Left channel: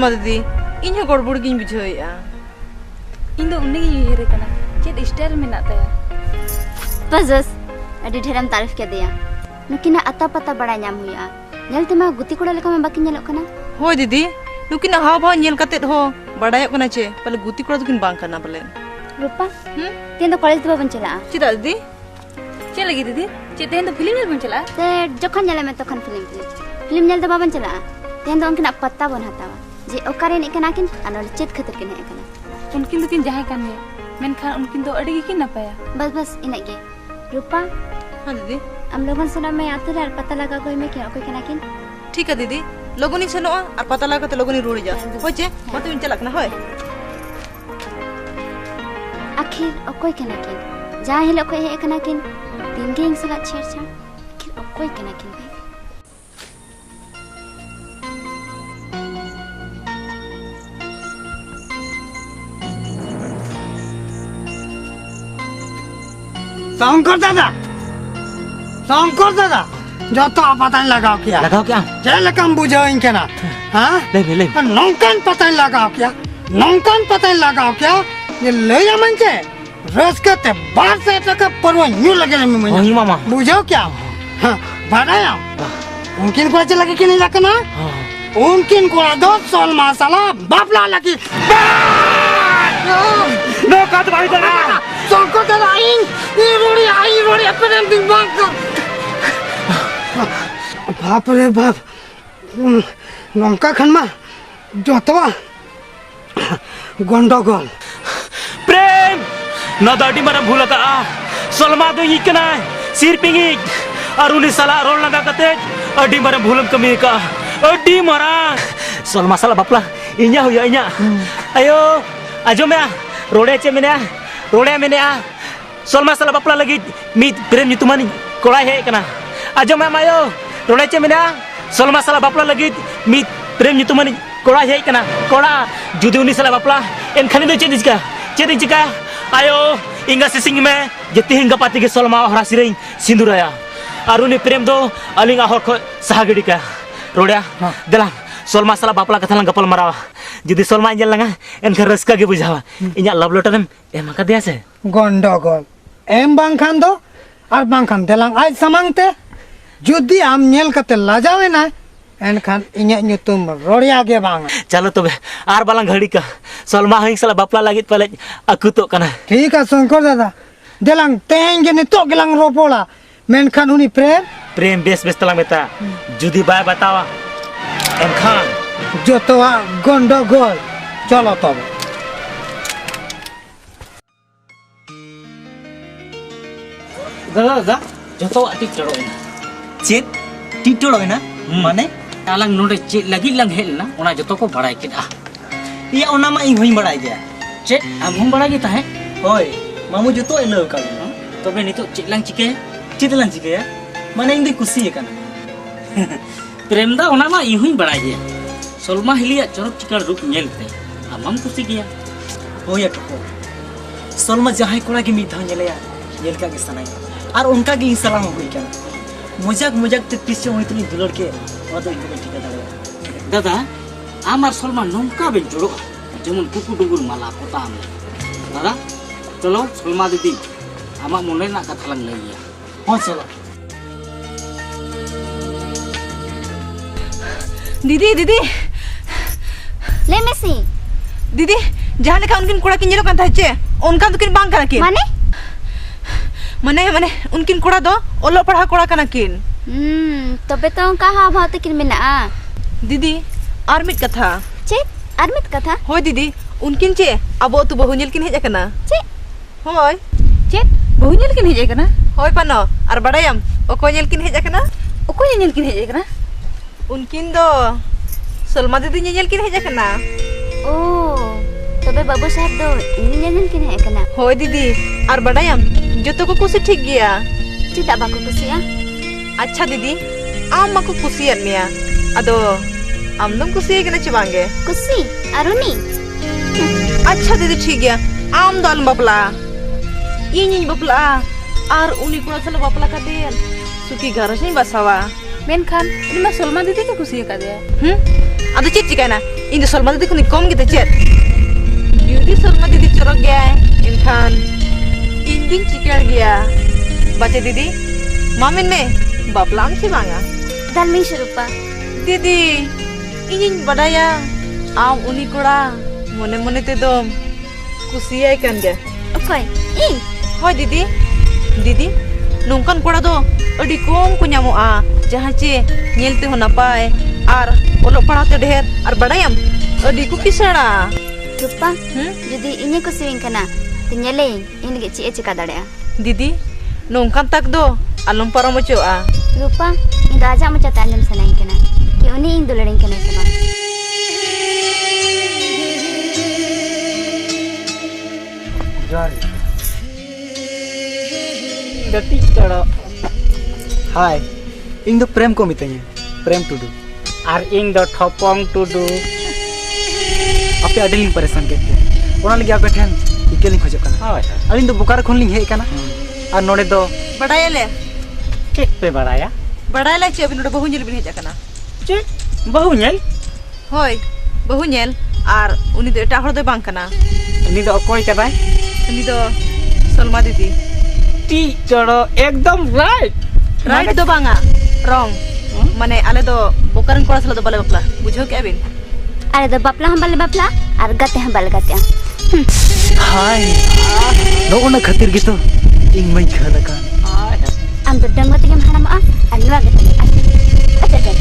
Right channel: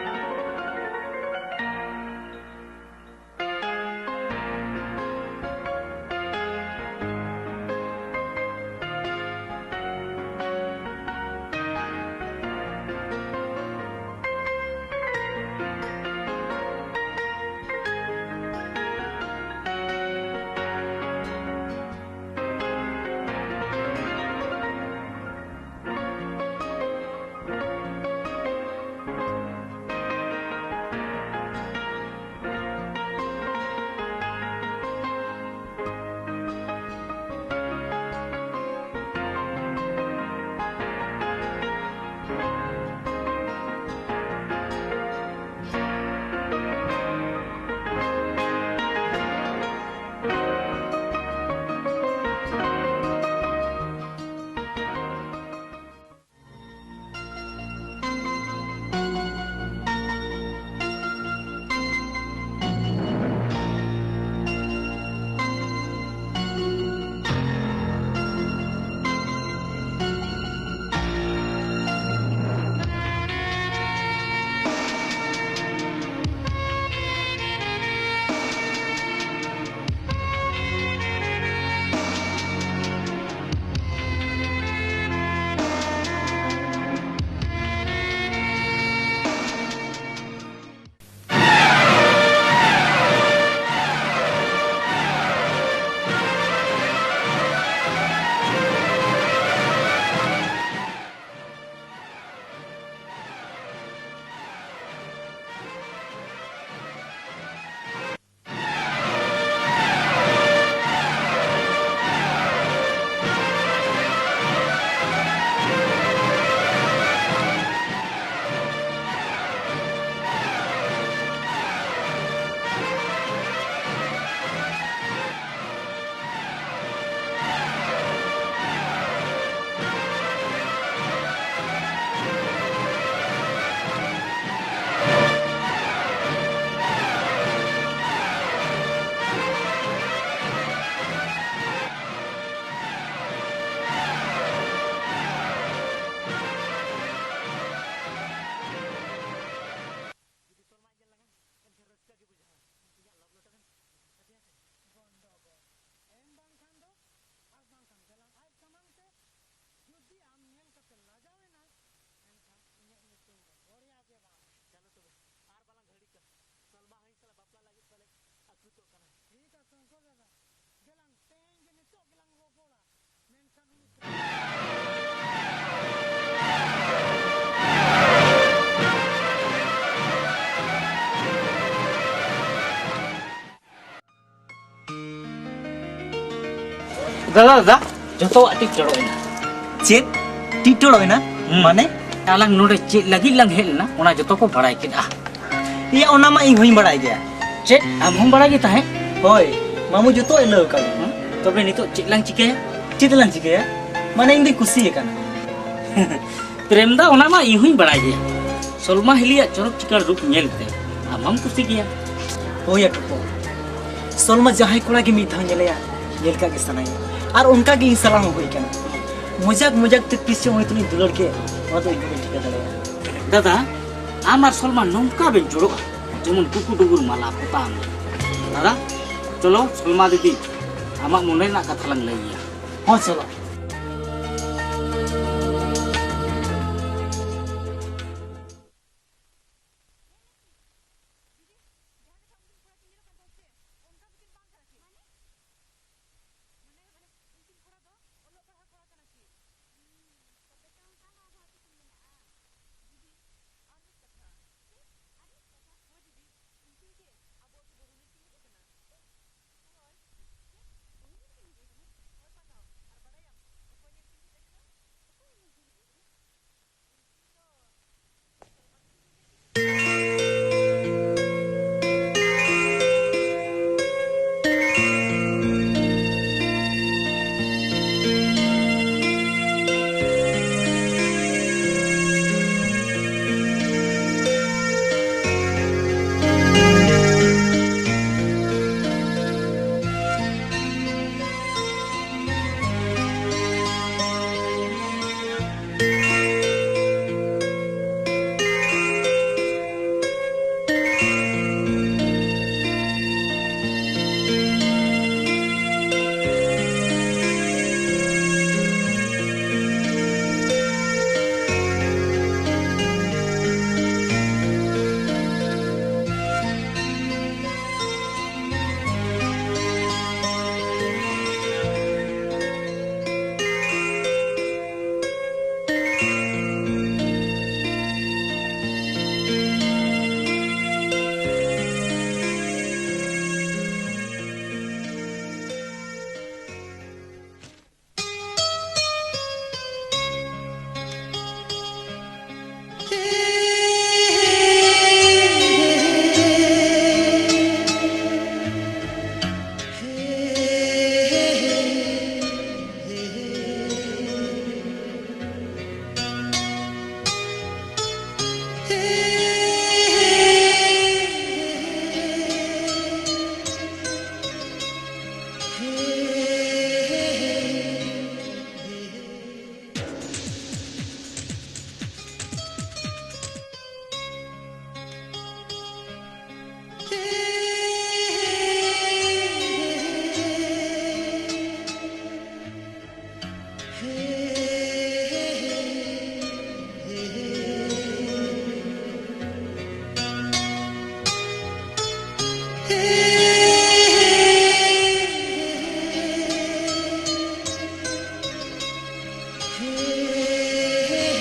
सलमा दीदी इन गड़बड़ गिन बुझावेआ इन दो उन्नी उयहर कना चेत स्टाइल मेना ताया बस अडी ढेरम तारीफ के दिया नुकिन अता पता बड़ा नाम हुआ नेलते मा गुती कोड़ा लेका में बाकी नेलो कना होय दीदी नुकिन हाव भाव नेल कतेत हो बड़ाय कना चे पले गुती कोड़ा दुकिन बांग करना पले रूपा तेन तो कॉलेज तो बन चला चिदा दीदी चे लगी दीदी चे तेन तो फिल्म बन चला ते जखन नेले में तखन फिल्म नेल तो बाबन चला तेन तो उनकिन पत्ता बन हतावा जे ओकारे ने कना किन अनल चेत खतर के ने उनकिन दुकिन जहां कान में मेनखान उनकिन तो अड़ी की नपाया बस इना के रूपा हां दीदी हम लोगन सना में आते रह पता लगा कोई में क्या कोई कना किन ठीक है दीदी लोगोनी सेनो और पता लगा तो लोगोनी रोड़ी जा होय चे मत इन चलक ना होय आखिर कोई कना किन जा हेलो कोई है कना किन दिन दिन सला छेड़ किन कोई कना किन शंकर दादा जो तो पता लगाओ क्या जेल कम बुझो इनके ना हाँ ले नौकन पता लगाओ क्या ये ले जा मन के रस करते बाहर से तक परवा न्यू लगे ना वही मामा बुझो क्या हाँ बढ़ाया उनकिन को अच्छा लगे कि नहीं लगना उनकिन को दो सोल मसाला बापला लगी नो काट भाई दादा शंकर दादा आई रोड़ी अपने दिमाग को बाप रे बाप लंका खनमा जोतवा गंडगोल प्रेम ना दाटी मना भूल का सलमा दो इकना सिर पिंगी अरुली सला रोल लगा कते अडी मरे भूल कमी का अडी मरा सलमा सला बापला इnya हुया इnya ayo ajo me rode che menea Salma सला बापला लगी मी प्रेम nyutumani कोड़ा है कना ajo me ayo rode che menea Salma सला बापला लगी मी प्रेम nyutumani कोड़ा है कना कोड़ा जुदी उनी सला बापला एनखानी दो चेत चिका ayo इंगा सिसिंग में जति हिंगा पाती के सलमा हरा सिरई सिंदुराया अरुनी प्रेम दो अलिंगा हर को सहागड़ी का रोड़या दला सलमा सला बापला कथा लंग गपल मरावा जुदी सलमा इंजल लंगा एनखा रस्का के बुझावा इnya लव लेटर एम का दिया से गंडगोल एम बांखान दो और बांखान देलांग आज समांगते जुदी आम नेल कते लाजावे ना एनखान इnya nyutum रोड़िया के बांग चलो तबे आर बालांग घड़ी का सलमा हिंग सला बापला लागित पले अकुतो कना ठीक है शंकर दादा देलांग तेंगे ने तो गेलांग रोपोला मेनखान उनी प्रेम बेस तला मेता जुदी बाय बतावा जो तो गंडगोल चलो तो दादा जो तो टिक टड़ोइना चेत टिक टड़ोइना माने आलांग नोडे चेत लगी लंग हेलना ओना जो तो को बड़ाई किदा ये ओना मा इन होई बड़ाई गया चेत हम बड़ाई गया है होय मामू जो तो एलो का तबे नितो चेत लंग चिके माने इन दी कुसी है कना प्रेम दा ओना मा इन होई बड़ाई गया सलमा हिलिया चरक चिकार रूप नेलते आमाम कुसी गया होया ठोको सलमा जहां कोड़ा के मिधा नेलया नेल का के सनाया और उनका के सलाम होई कना मजाक ते तीस होई तुनी दुलड़ के ओना तो इनको ठीक दड़या दादा आमार सलमा नंका बे जोड़ो जेमन कुकु डुगुर माला पोताम ले दादा चलो सलमा दीदी आमा मने ना कथा लंग लइया हां चलो दीदी ले मेसी दीदी जहां लेका उनकिन कोड़ा किन जेलो कांता चे उनका दुकिन बांग कना किन माने उनकिन कोड़ा दो ओलो पढ़ा कोड़ा कना किन तबे तो कहा भात किन मेना दीदी आर मिट कथा चे आरमित कथा होय दीदी उनकिन चे अब तू बहु नेल किन हेज कना चे होय चे बहु नेल किन हेज कना होय पानो और बड़ायम ओको नेल किन हेज कना ओको नेल किन हेज कना उनकिन दो सलमा दीदी नेल किन हेज कना ओ तबे बाबू साहब दो इन नेल किन हेज कना होय दीदी और बड़ायम जतो को कुछ ठीक गया चिता बाको कुसिया अच्छा दीदी आम मको कुसियन मिया अदो आम दम कुसिये के नचे बांगे कुसी अरुणी अच्छा दीदी ठीक गया आम दाल बपला इन बपला और उनी कोड़ा साला बपला काते सुकी घर से बसावा मेनखान उनी मा सलमा दीदी के कुसिया का दे Ada cit cikana. Ini Salma didi kuni kom gitu cit. Judi Salma didi corok gaya. Inkan Indin cikar gaya. Baca didi. Mamin me. Baplam sih banga. Dalmi Rupa. Didi. Ini badaya. Am uni kura. Mone mone te dom. Kusiya ikan gaya. Okoy, ing. Hoi didi. Didi. Nungkan kura do. Adi kom ko nyamoa. Jahan ce nyelte ho napai. Ar olok padhate dher. Ar badayam. Adi ku kisara. Rupa, jadi ini ko swing kana. Tenyale, ini lagi cika darea. Didi. Nungkan tak do. Alum paramo choa. Rupa, ini aja macam tanam sanain kana. Ki uni ing dularing kana sabang. Johar. Datik taro. Hai. Ing do prem ko mitanya. Prem Tudu. Ar ing do Thopong Tudu. Ape adeling परेशान करते ओना लगे आपे ठन इकेली खोजो कना अच्छा अलिन तो बुकार खोन लिंग हे कना और नोडे दो Badayale. चेक पे बड़ाया Badayale ce abin udah bahu nyel bin heja kana. चेक बहु nyel Hoi. Bahu nyel. Ar uni do eta hor do bang kana. ini do koy kadai Uni do Salma didi. T चढ़ो एकदम right Right do banga. Wrong. Mane ale do bokaran kora sala do bale bapla. Bujho ke abin? Ada do bapla hambal bapla, ar gate hambal gate. हाय नो ओना खातिर गितो इंग मई खाना का Am do dang gate gem hanam am, anwa gate. Acha.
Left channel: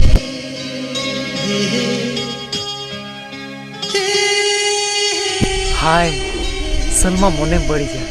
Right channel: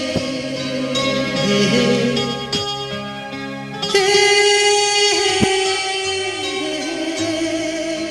हाय सलमा मोने बड़ी जा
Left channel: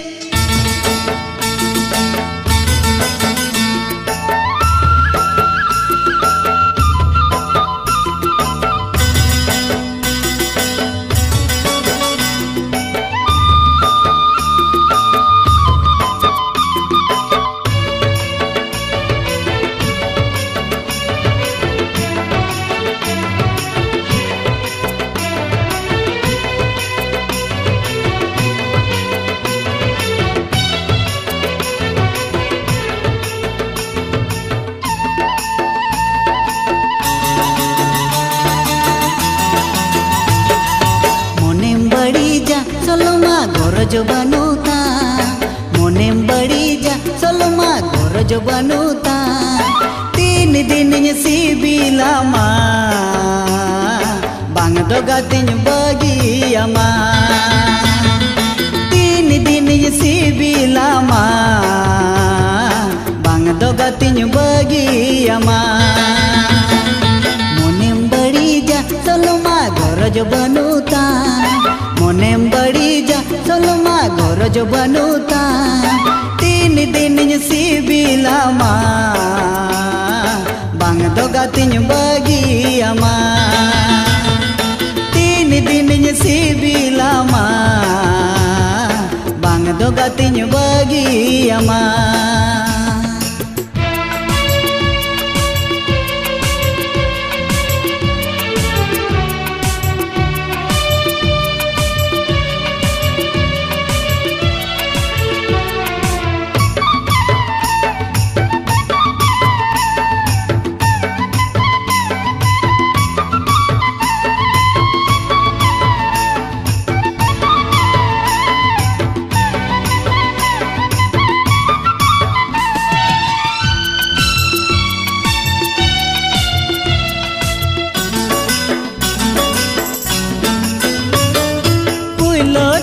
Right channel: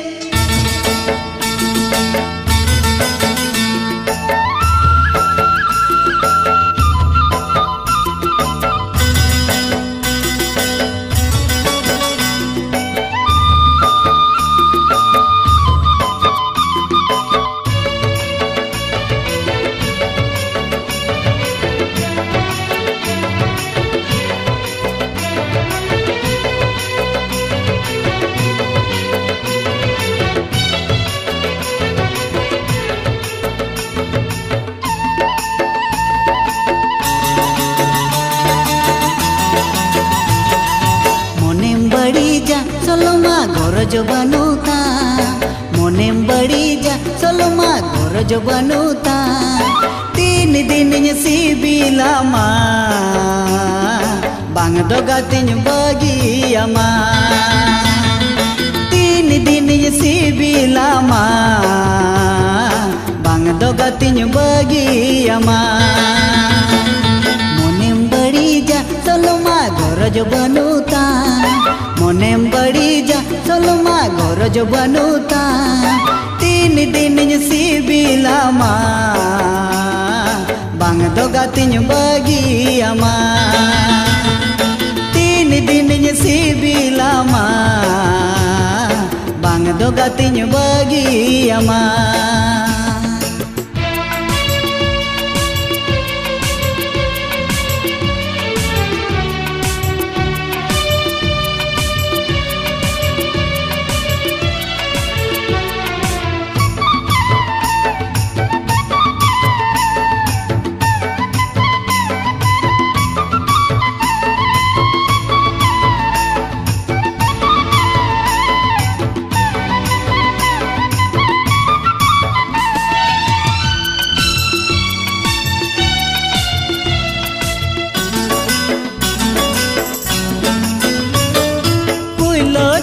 जो बनुता मोनेम बड़ी जा सोलमा गोर जो बनुता 3 दिन सिबिला मा बांग दो गातिन बगिया मा 3 दिन सिबिला मा बांग दो गातिन बगिया मा मोनेम बड़ी जा सोलमा गोर जो बनुता मोनेम बड़ी जा सोलमा गोर जो बनुता 3 दिन सिबिला मा बांग दो गातिन बगिया मा 3 दिन सिबिला मा बांग दो गातिन बगिया मा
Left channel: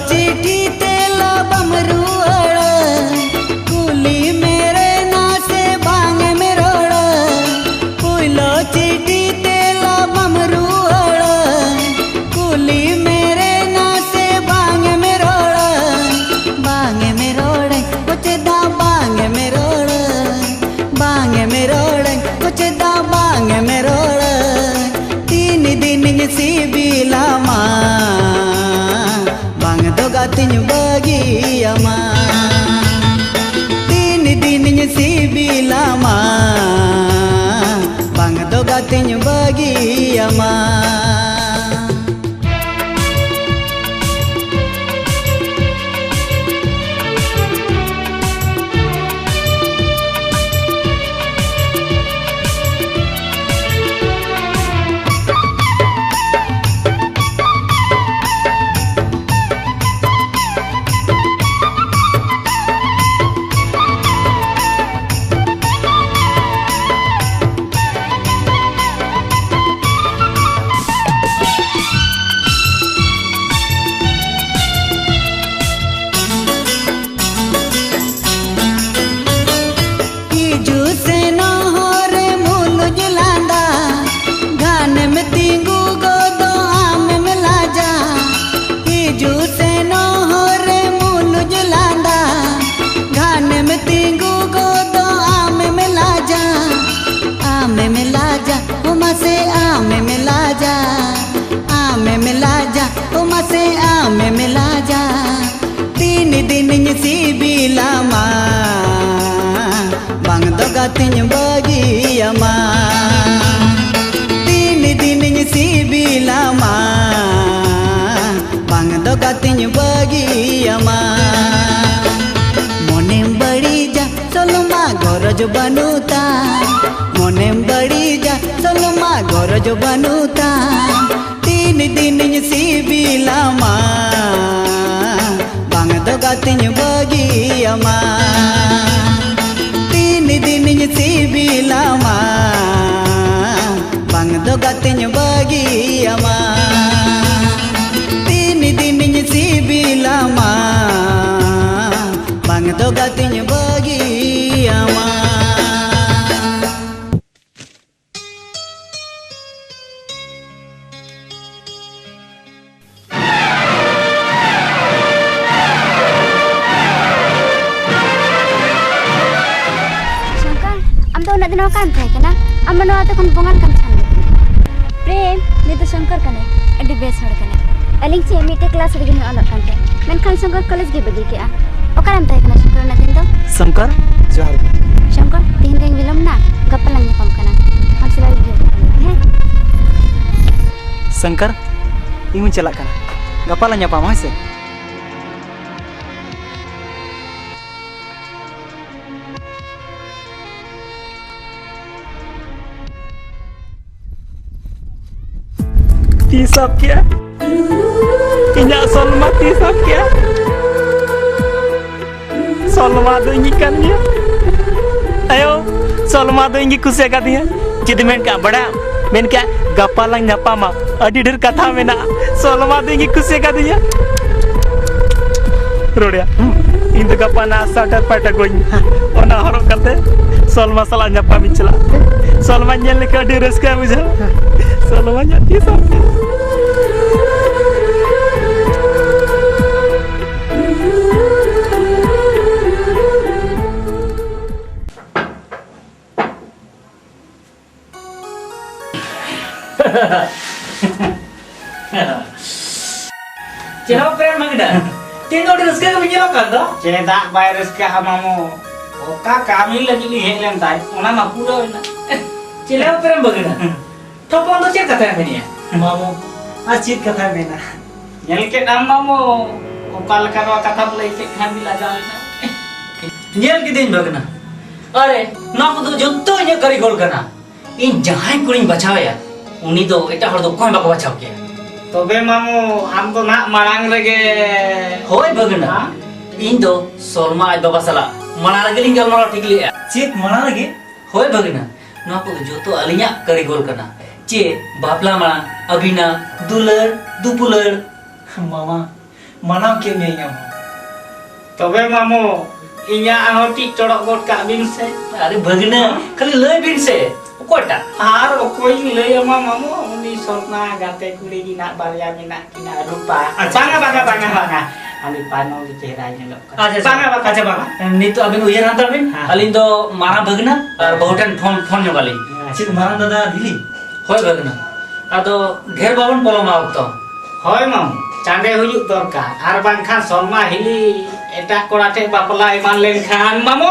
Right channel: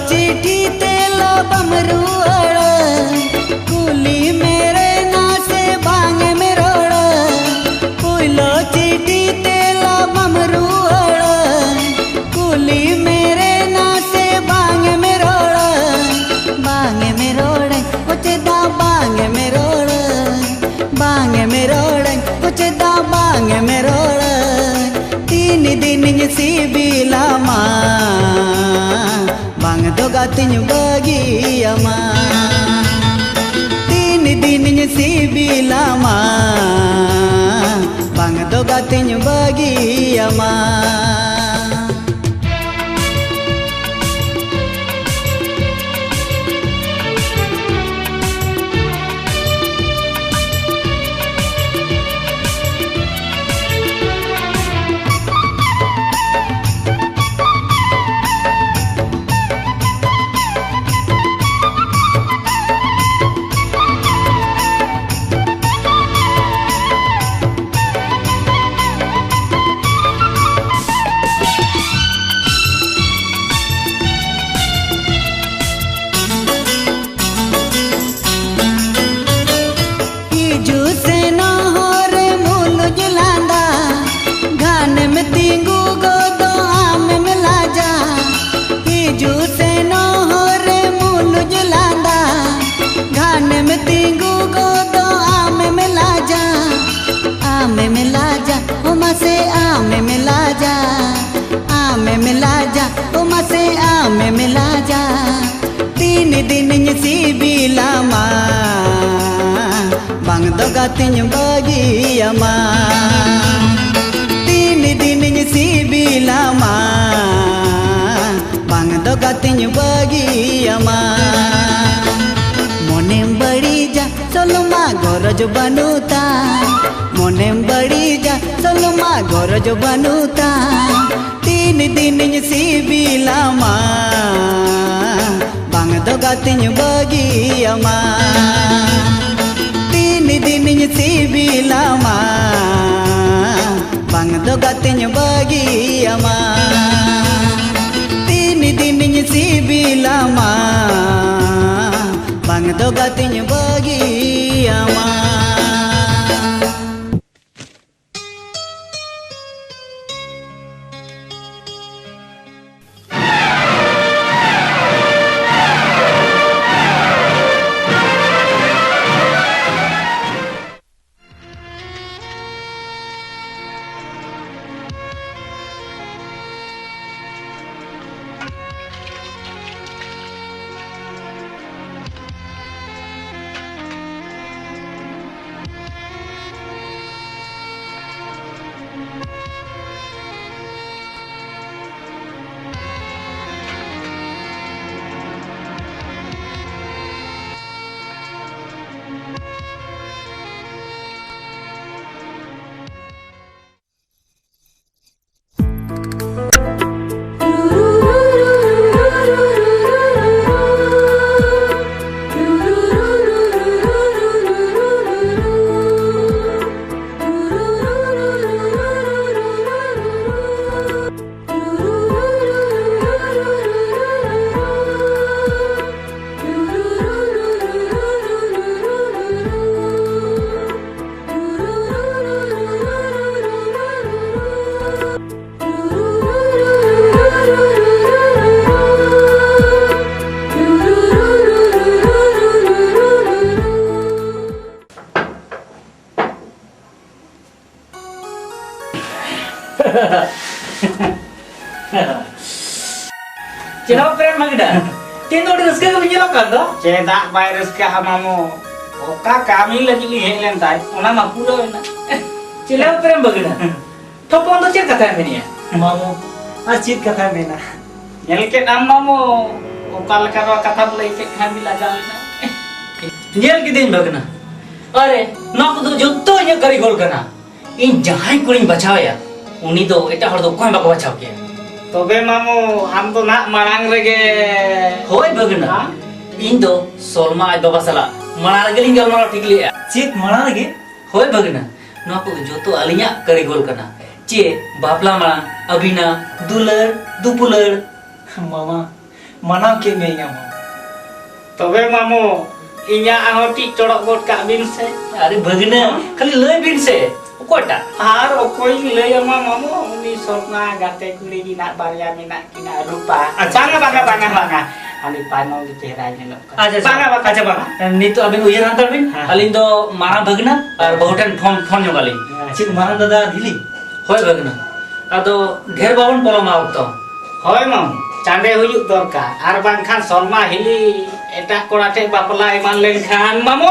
चिट्ठी तेला बमरुअड़ कुली मेरे ना से बांग में रोड़ पुलो चिट्ठी तेला बमरुअड़ कुली मेरे ना से बांग में रोड़ कुछ दा बांग में रोड़ कुछ दा बांग में रोड़ 3 दिन सिबिला मा बांग दो गातिन बगिया मा 3 दिन सिबिला मा बांग दो गातिन बगिया मा दिन सिबिलामा बांग दो गातिन बगियामा तीन दिन सिबिलामा बांग दो गातिन बगियामा मोनेम बड़ी जा सोलमा गरज बनुता मोनेम बड़ी जा सोलमा गरज बनुता तीन दिन सिबिलामा बांग दो गातिन बगियामा तीन दिन सिबिलामा बांग दो गातिन बगियामा तीन दिन सिबिलामा बांग दो गातिन बगियामा kan thay kana amano ata kon bongan kan thay prem ni to shankar kana adi bes hor kana aling che mite class ri no ala kan men kan shankar college ge bagi ke a okaran thay kana shankar na kan do Shankar जहर shankar tin ding bilam na kapalang pam kana kan sulai ge Shankar इमु चला kan gapala nyapa mase tisap ya inya Solma tisap ya Solma do nyikan dia ayo Solma do ingi kusia ka dia jadi men ka bada men ka gapalang nyapa ma adi der katha mena Solma do ingi kusia ka dia rodia intu kapana sata pata goyi ona horo kate Solma sala nyapa michla Solma nyel ka di reska mujha Solma nyati sa Cina prem magda tin do reska ke binjelo kan do cedak bay reska amamu oka kami lagi li helen tai ona ma pura na cina prem bagda thopon do cek kata menia mamu acit kata mena nyel ke am mamu okal karo kata lay ke kami laga na nyel ke din bagna are na ko do jotto nya kari gol kana in jahai kuring bachao ya uni do eta hor do koy bako bachao ke तबे मामू हम तो ना मरांग रगे होय बगना इन दो सोलमा आई बाबा सला मना रगे लिंग गलमारा ठीक लिया चेक मना रगे होय बगना ना को जो तो अलिया करी गोल करना चे बापला मना अबिना दुलर दुपुलर मामा मना के मेया तबे मामू इnya ahoti corok got ka bin se अरे बगना खाली लय बिन से कोटा आर ओकोई लय ama मामू uni sorna gate kuli dina barya mina kina rupa banga ani panau di chehra nyelok banga aja banga ni to abin uyar antar bin alin do mara bagna ar bahutan phone jogali chik mara dada dili hoy bagna ado gher babon poloma okto hoy mam chande huyuk dorkar ar bangkhan sorma hili eta korate bapla eman len khan mamo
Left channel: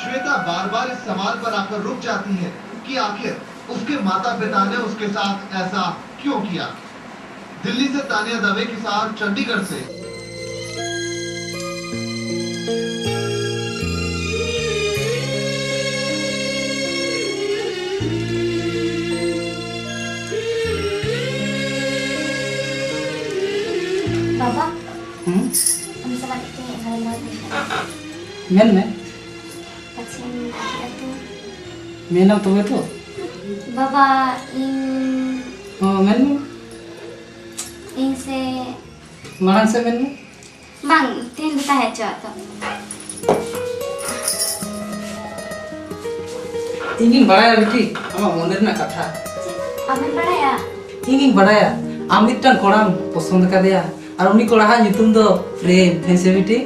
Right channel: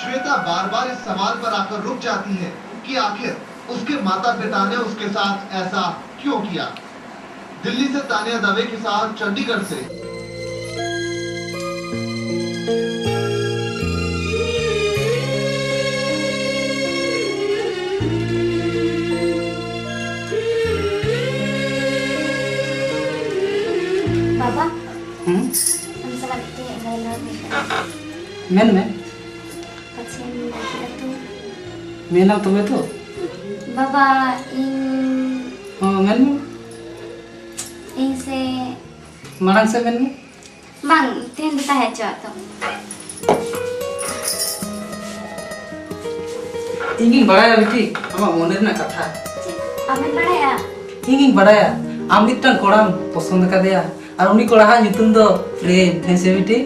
Shweta बार बार इस सवाल पर आकर रुक जाती है कि आखिर उसके माता पिता ने उसके साथ ऐसा क्यों किया। दिल्ली से तानिया दवे के साथ चंडीगढ़ से Baba, Ang sakan ite ngalaw ka. Men me Pacen lagi atu. menam to beto Baba ing men ing se marang se men bang tin kita hejo to. ingin baraya biti ama moner na katha Amen baraya. ingin baraya am mittan koram posond kadeya ar uni kora ha nyutum do prem these biti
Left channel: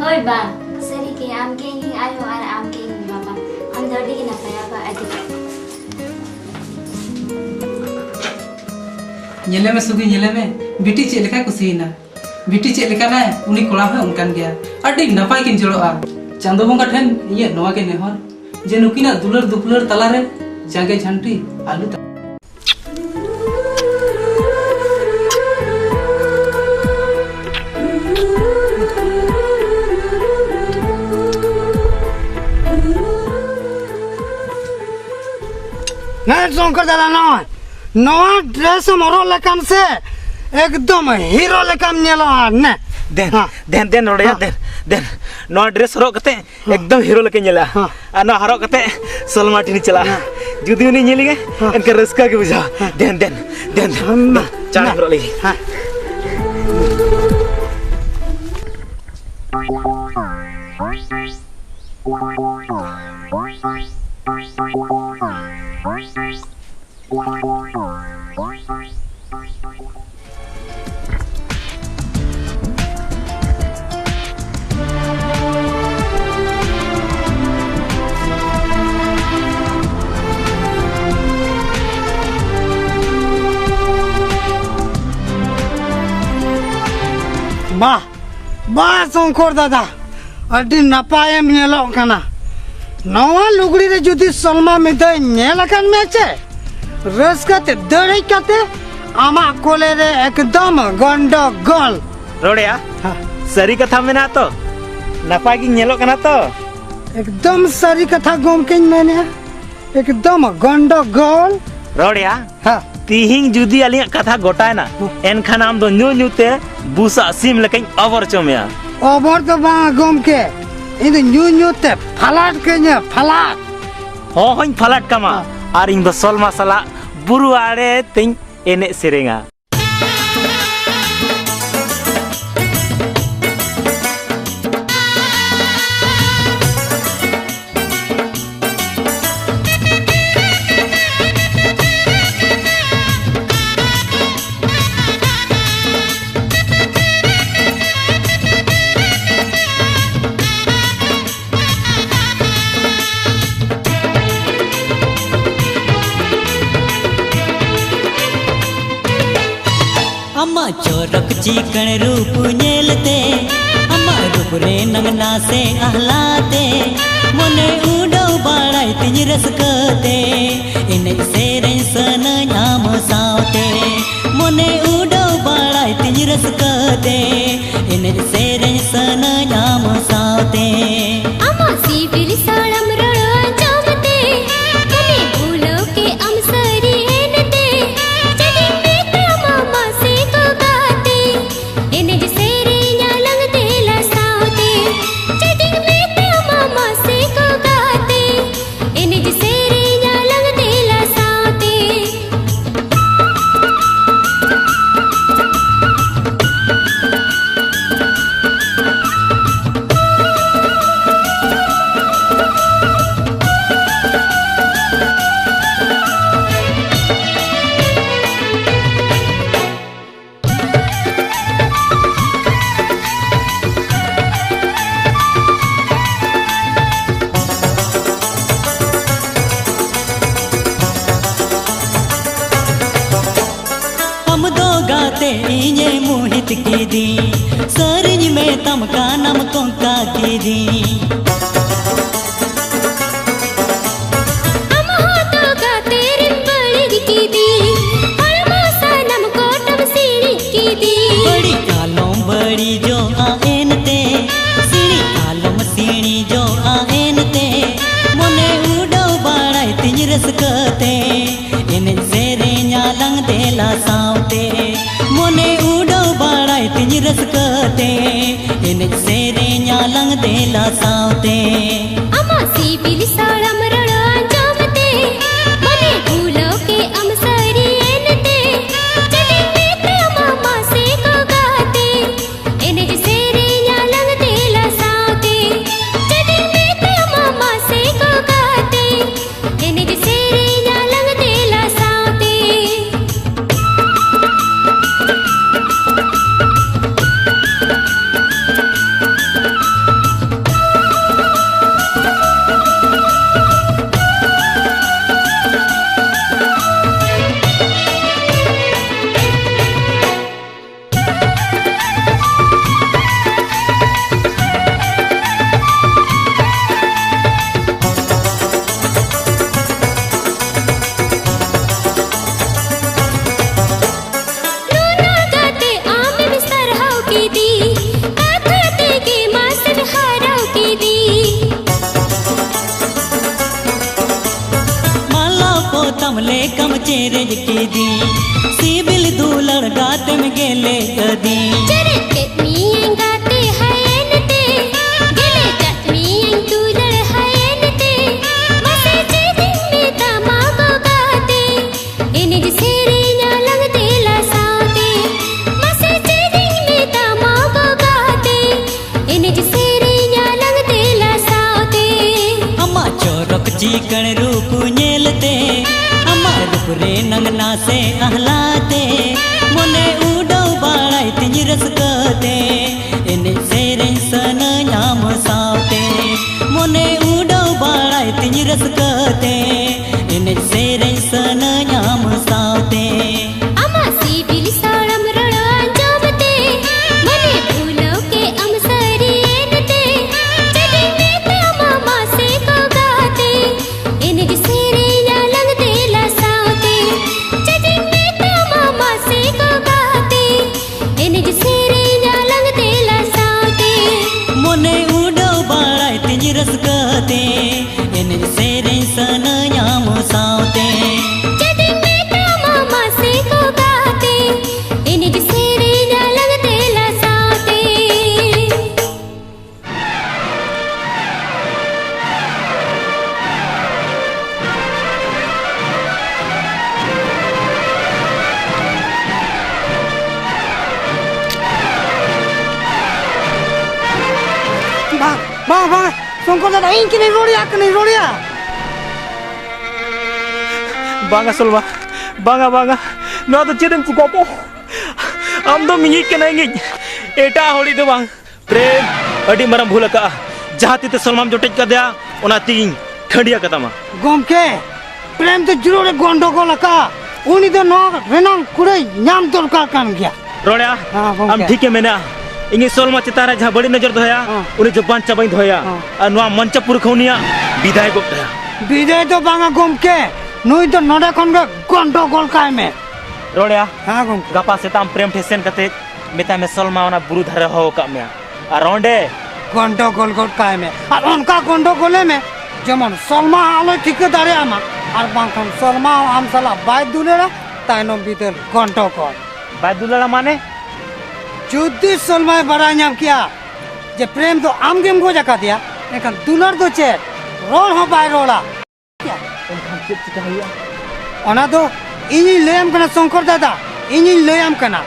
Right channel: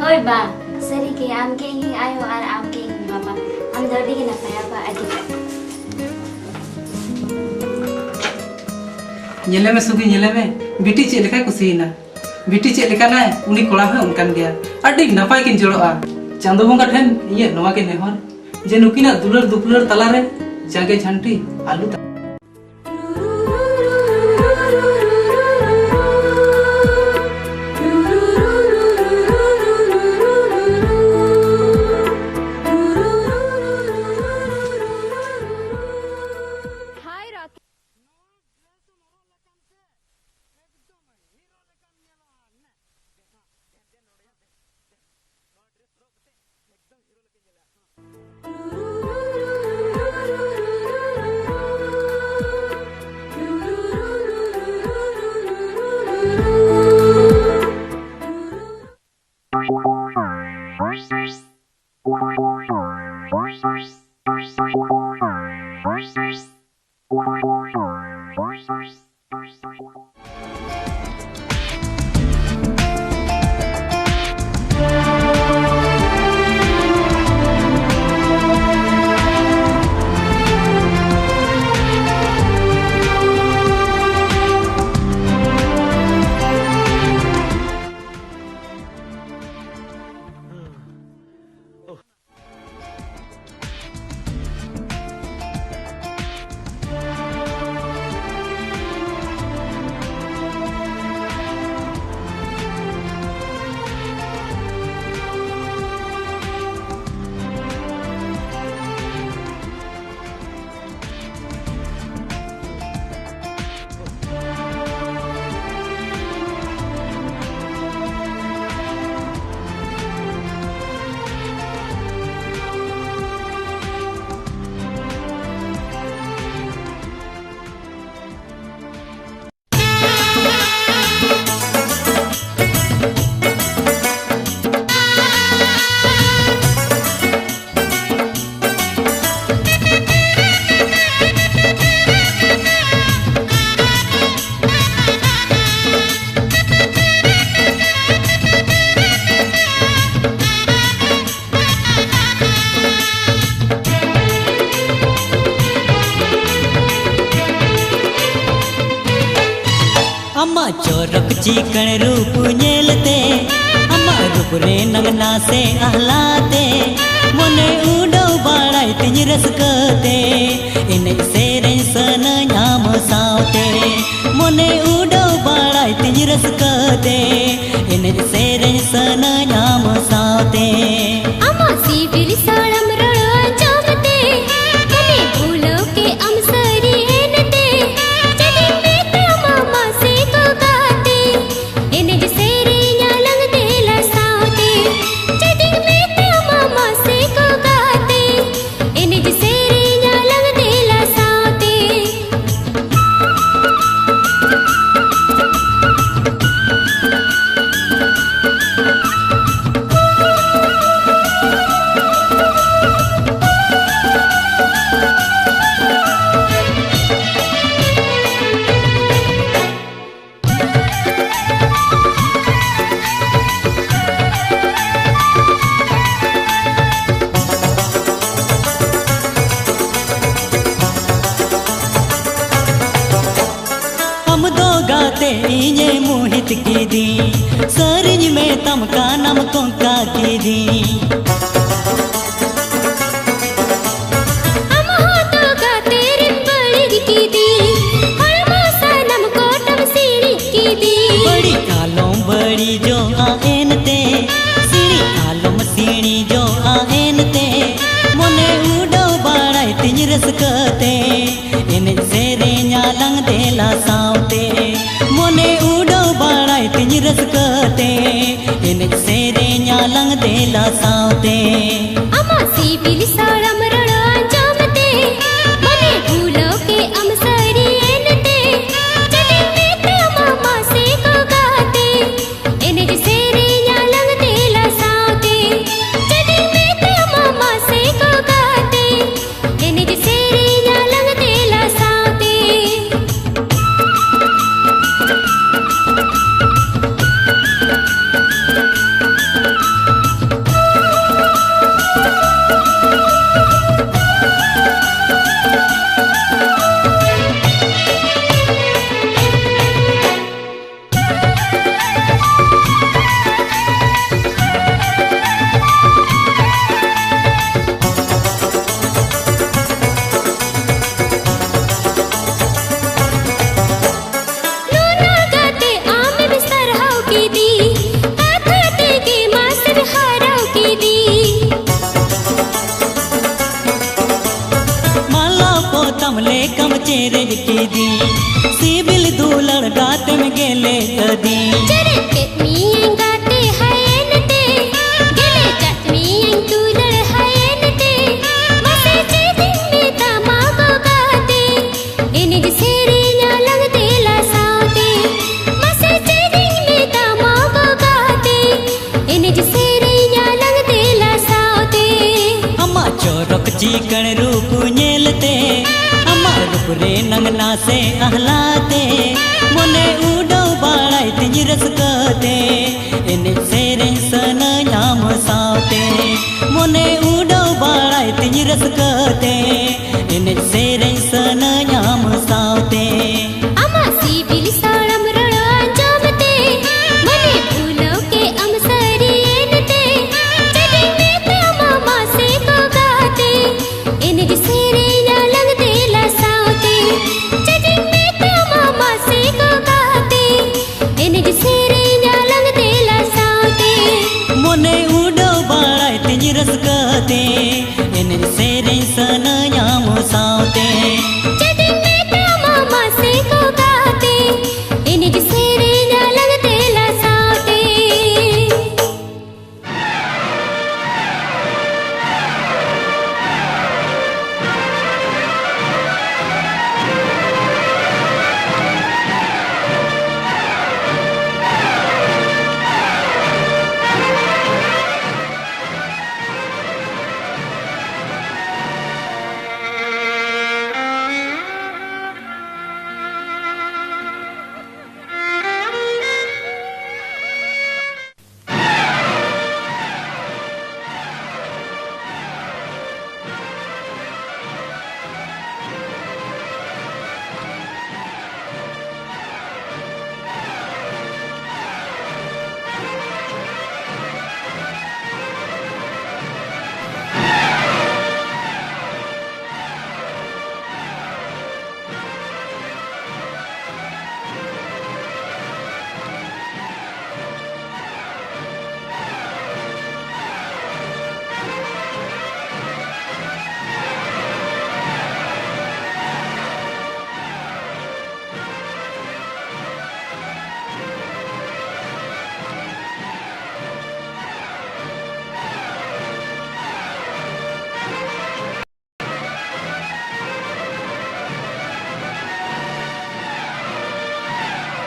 Hoy ba, sari ke am ke ing ayo ar am ke ing baba. Am dodi ke na paya ba adi. nyele me sugi nyele me बिटी check लेका कुसीना बिटी check लेका ना उनी कोड़ा है उनकान गया अड़ी नपाय किन जड़ोआ चांदो बंगा ठेन ये नवा के नेहर जे नुकिना दुलर दुपलर तला रे जागे झंटी आलू नहीं शंकर दादा नवा ड्रेस मोरो लेकान से एकदम हीरो लेकान नेलो ने देन रोड़िया देन नो ड्रेस हरो कते एकदम हीरो लेके नेला आ नो हरो कते सलमा टिनी चला जुदी उनी नेली गे एनके रस्का के बुझा देन चाण हरो लगी बा शंकर दादा अड़ी नपाय नेलो कना नवा लुगड़ी रे जुदी सलमा मिदे नेलकन मेचे रसकते दड़े कते आमा कोले रे एकदम गंडो गोल रोड़िया सरी कथा मेना तो नपाय की नेलो कना तो एकदम सरी कथा गोमके मैंने एकदम गंडो गोल रोड़िया तिहिंग जुदी अलिया कथा गोटाय ना एनखान आम दो न्यूते बुसा सिम लेकिन अवर चोमिया अवर तो बा गोमके इन न्यूते फलाट के ने फलाट होइन फलाट कमा और इन दो सोल मसाला बुरु आड़े तिंग एने सेरेंगा अम्मा चोरक चिकन रूप नेलते अम्मा रूप रे नंगना से आहलाते मने उडो बाड़ाई तिज रसकते इन सेरें सन नाम सावते मने उडो बाड़ाई तिज रसकते इन सेरें सन नाम सावते अम्मा सिविल साड़म रड़ो जमते मने भूलो के अमसरी एनते जदी में मामा से को गाते इन सेरे न्यालंग देला सावते जदी में मामा से को गाते इन सेरे न्यालंग देला सावते हम दो गाते इने मोहित की दी सरज में तमका नम कोंका की दी हम हो तो गाते रिंबड़ी की दी हरमा सनम कोटम सीढ़ी की दी बड़ी आलम बड़ी जो आएन ते सीढ़ी आलम सीढ़ी जो आएन ते मने उडो बाड़ाई तिज रसकते इन सेरे न्यालंग देला सावते मने उडो बाड़ाई तिज रसकते इन सेरे न्यालंग देला सावते अम्मा सिविल साड़म रड़ो जमते मने भूलो के अमसरी एनते जदी में मामा से को गाते इन सेरे न्यालंग देला सावते जदी में मामा से को गाते इन सेरे न्यालंग देला सावते पेरेज के दी सिबिल दुलड़ गाते में गेले कदी चरत के मियं गाते हयनते गेले चट मियं दुलड़ हयनते मसे चेदिन में तमागो गाते इनिज सेरेnya lang tela saute mase cheding में तमागो गाते इनिज सेरेnya lang tela saute अम्मा चोरक चिकन रूप नेलते अम्मा रूप रे नंगना से आहलाते मोने उडो बाड़ाई तिज रसकते एने सेरें सन नाम सावते मोने उडो बाड़ाई तिज रसकते एने सेरें सन नाम सावते ama sibil salam rada anjamte mane bhulo ke amsari enate jadi me mama se ko gaate inij serenya lang tela saute jadi me mama se ko gaate inij serenya lang tela saute मोने उडो बाड़ाई तिज रसकते एने सेरें सन नाम सावते jadi me mama se ko gaate inij serenya lang tela saute Bang, bang, Songkor dada ini kini rodia. Bangga Solma, bangga. Nua to chedem tu kopo. Am do mingit kena ingit. Eta holi do bang. Prem, adi marang bhula ka. Jahati te Solma jotek ka dia, ona ting khandia kata ma. Gomke, prem to jurore gondogol ka. Uni do no renang kurai nyam dorkar kan gya. Ronya, हाँ, am ठीक है मैंने इंगे सोलमा चितारा जहाँ बड़ी नजर धोया उन्हें जुबान चबाई धोया और नुआ मंच पुरखौनिया विदाई को धोया বিজয় তো বাঙা গমকে নুই তো নডা খনগে গন্ডগোল কাইমে रोड़या হ্যাঁ গমকে गपा से ताम प्रेम फेसन कते मिता में सोलमा वना बुरु धरे हो का में और रोंडे গন্ডগোল গোল কাইমে আর অনকা গন্ডগোলে মে যেমন সলমা আলো ঠিক দাঁড়ে আমা আর বাংখন সলমা আমসালা বাইক দুলেরা তাইনো ভিতর গন্ডগোল बाय दुलारा माने যদি সলমায় বাড়াই নাম কিয়া যে প্রেম তো আম গেম গো জাকা দিয়া এখন তুলার তো চে রোল হো বাই রোলা অনা তো ইনি লেম কনা শঙ্কর দাদা ইনি লেম কনা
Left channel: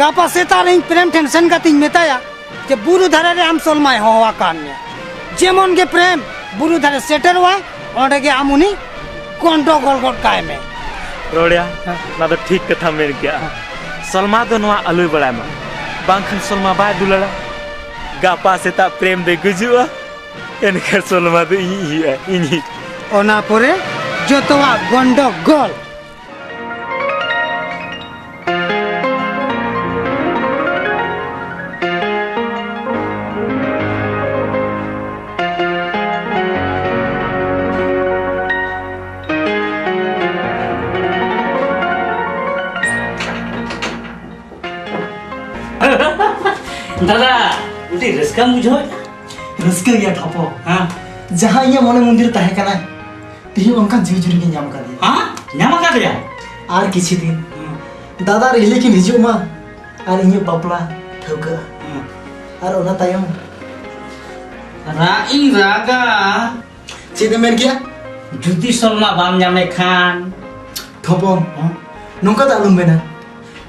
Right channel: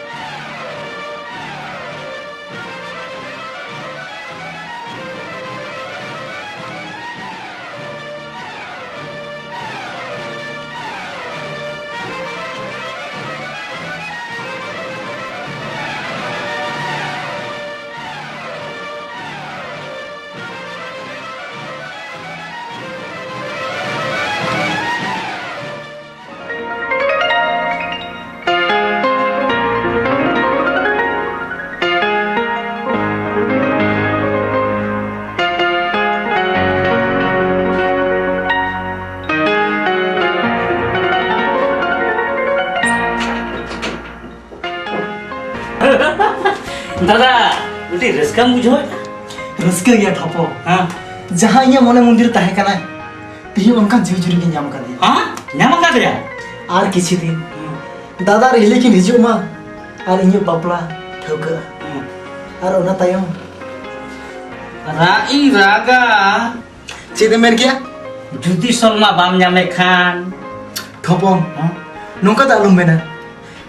গাপা সেতার ইন প্রেম টেনশন কাতিন মেতায়া যে বুরু ধারে আম সলমায় হওয়া কান যেমন গে প্রেম বুরু ধারে সেটার ওয়া ওটা গে আমুনি গন্ডগোল গোল কায়মে रोड़या ना तो ठीक कथा मेरे क्या सलमा तो नुआ अलुई बड़ा में बांखन सलमा बाय दुलारा गपा से ता प्रेम दे गुजुआ एनकर सलमा तो इनी ওনা পরে যতওয়া গন্ডগোল दादा उठी रस्का मुझो रस्का गया ठपो हाँ जहाँ इया मने मंदिर तहे कना तिही उनका जीव जुरी के नाम कर दिया हाँ ᱧᱟᱢ ᱠᱟᱫᱮᱭᱟ आर किछि दिन दादा रे लेकिन हिजु मा आर इया बापला ठौका आर ओना तायम राई रागा चेद मेन किया जुदी सलमा बाम ᱧᱟᱢᱮ खान ठपो नोका दालुम मेना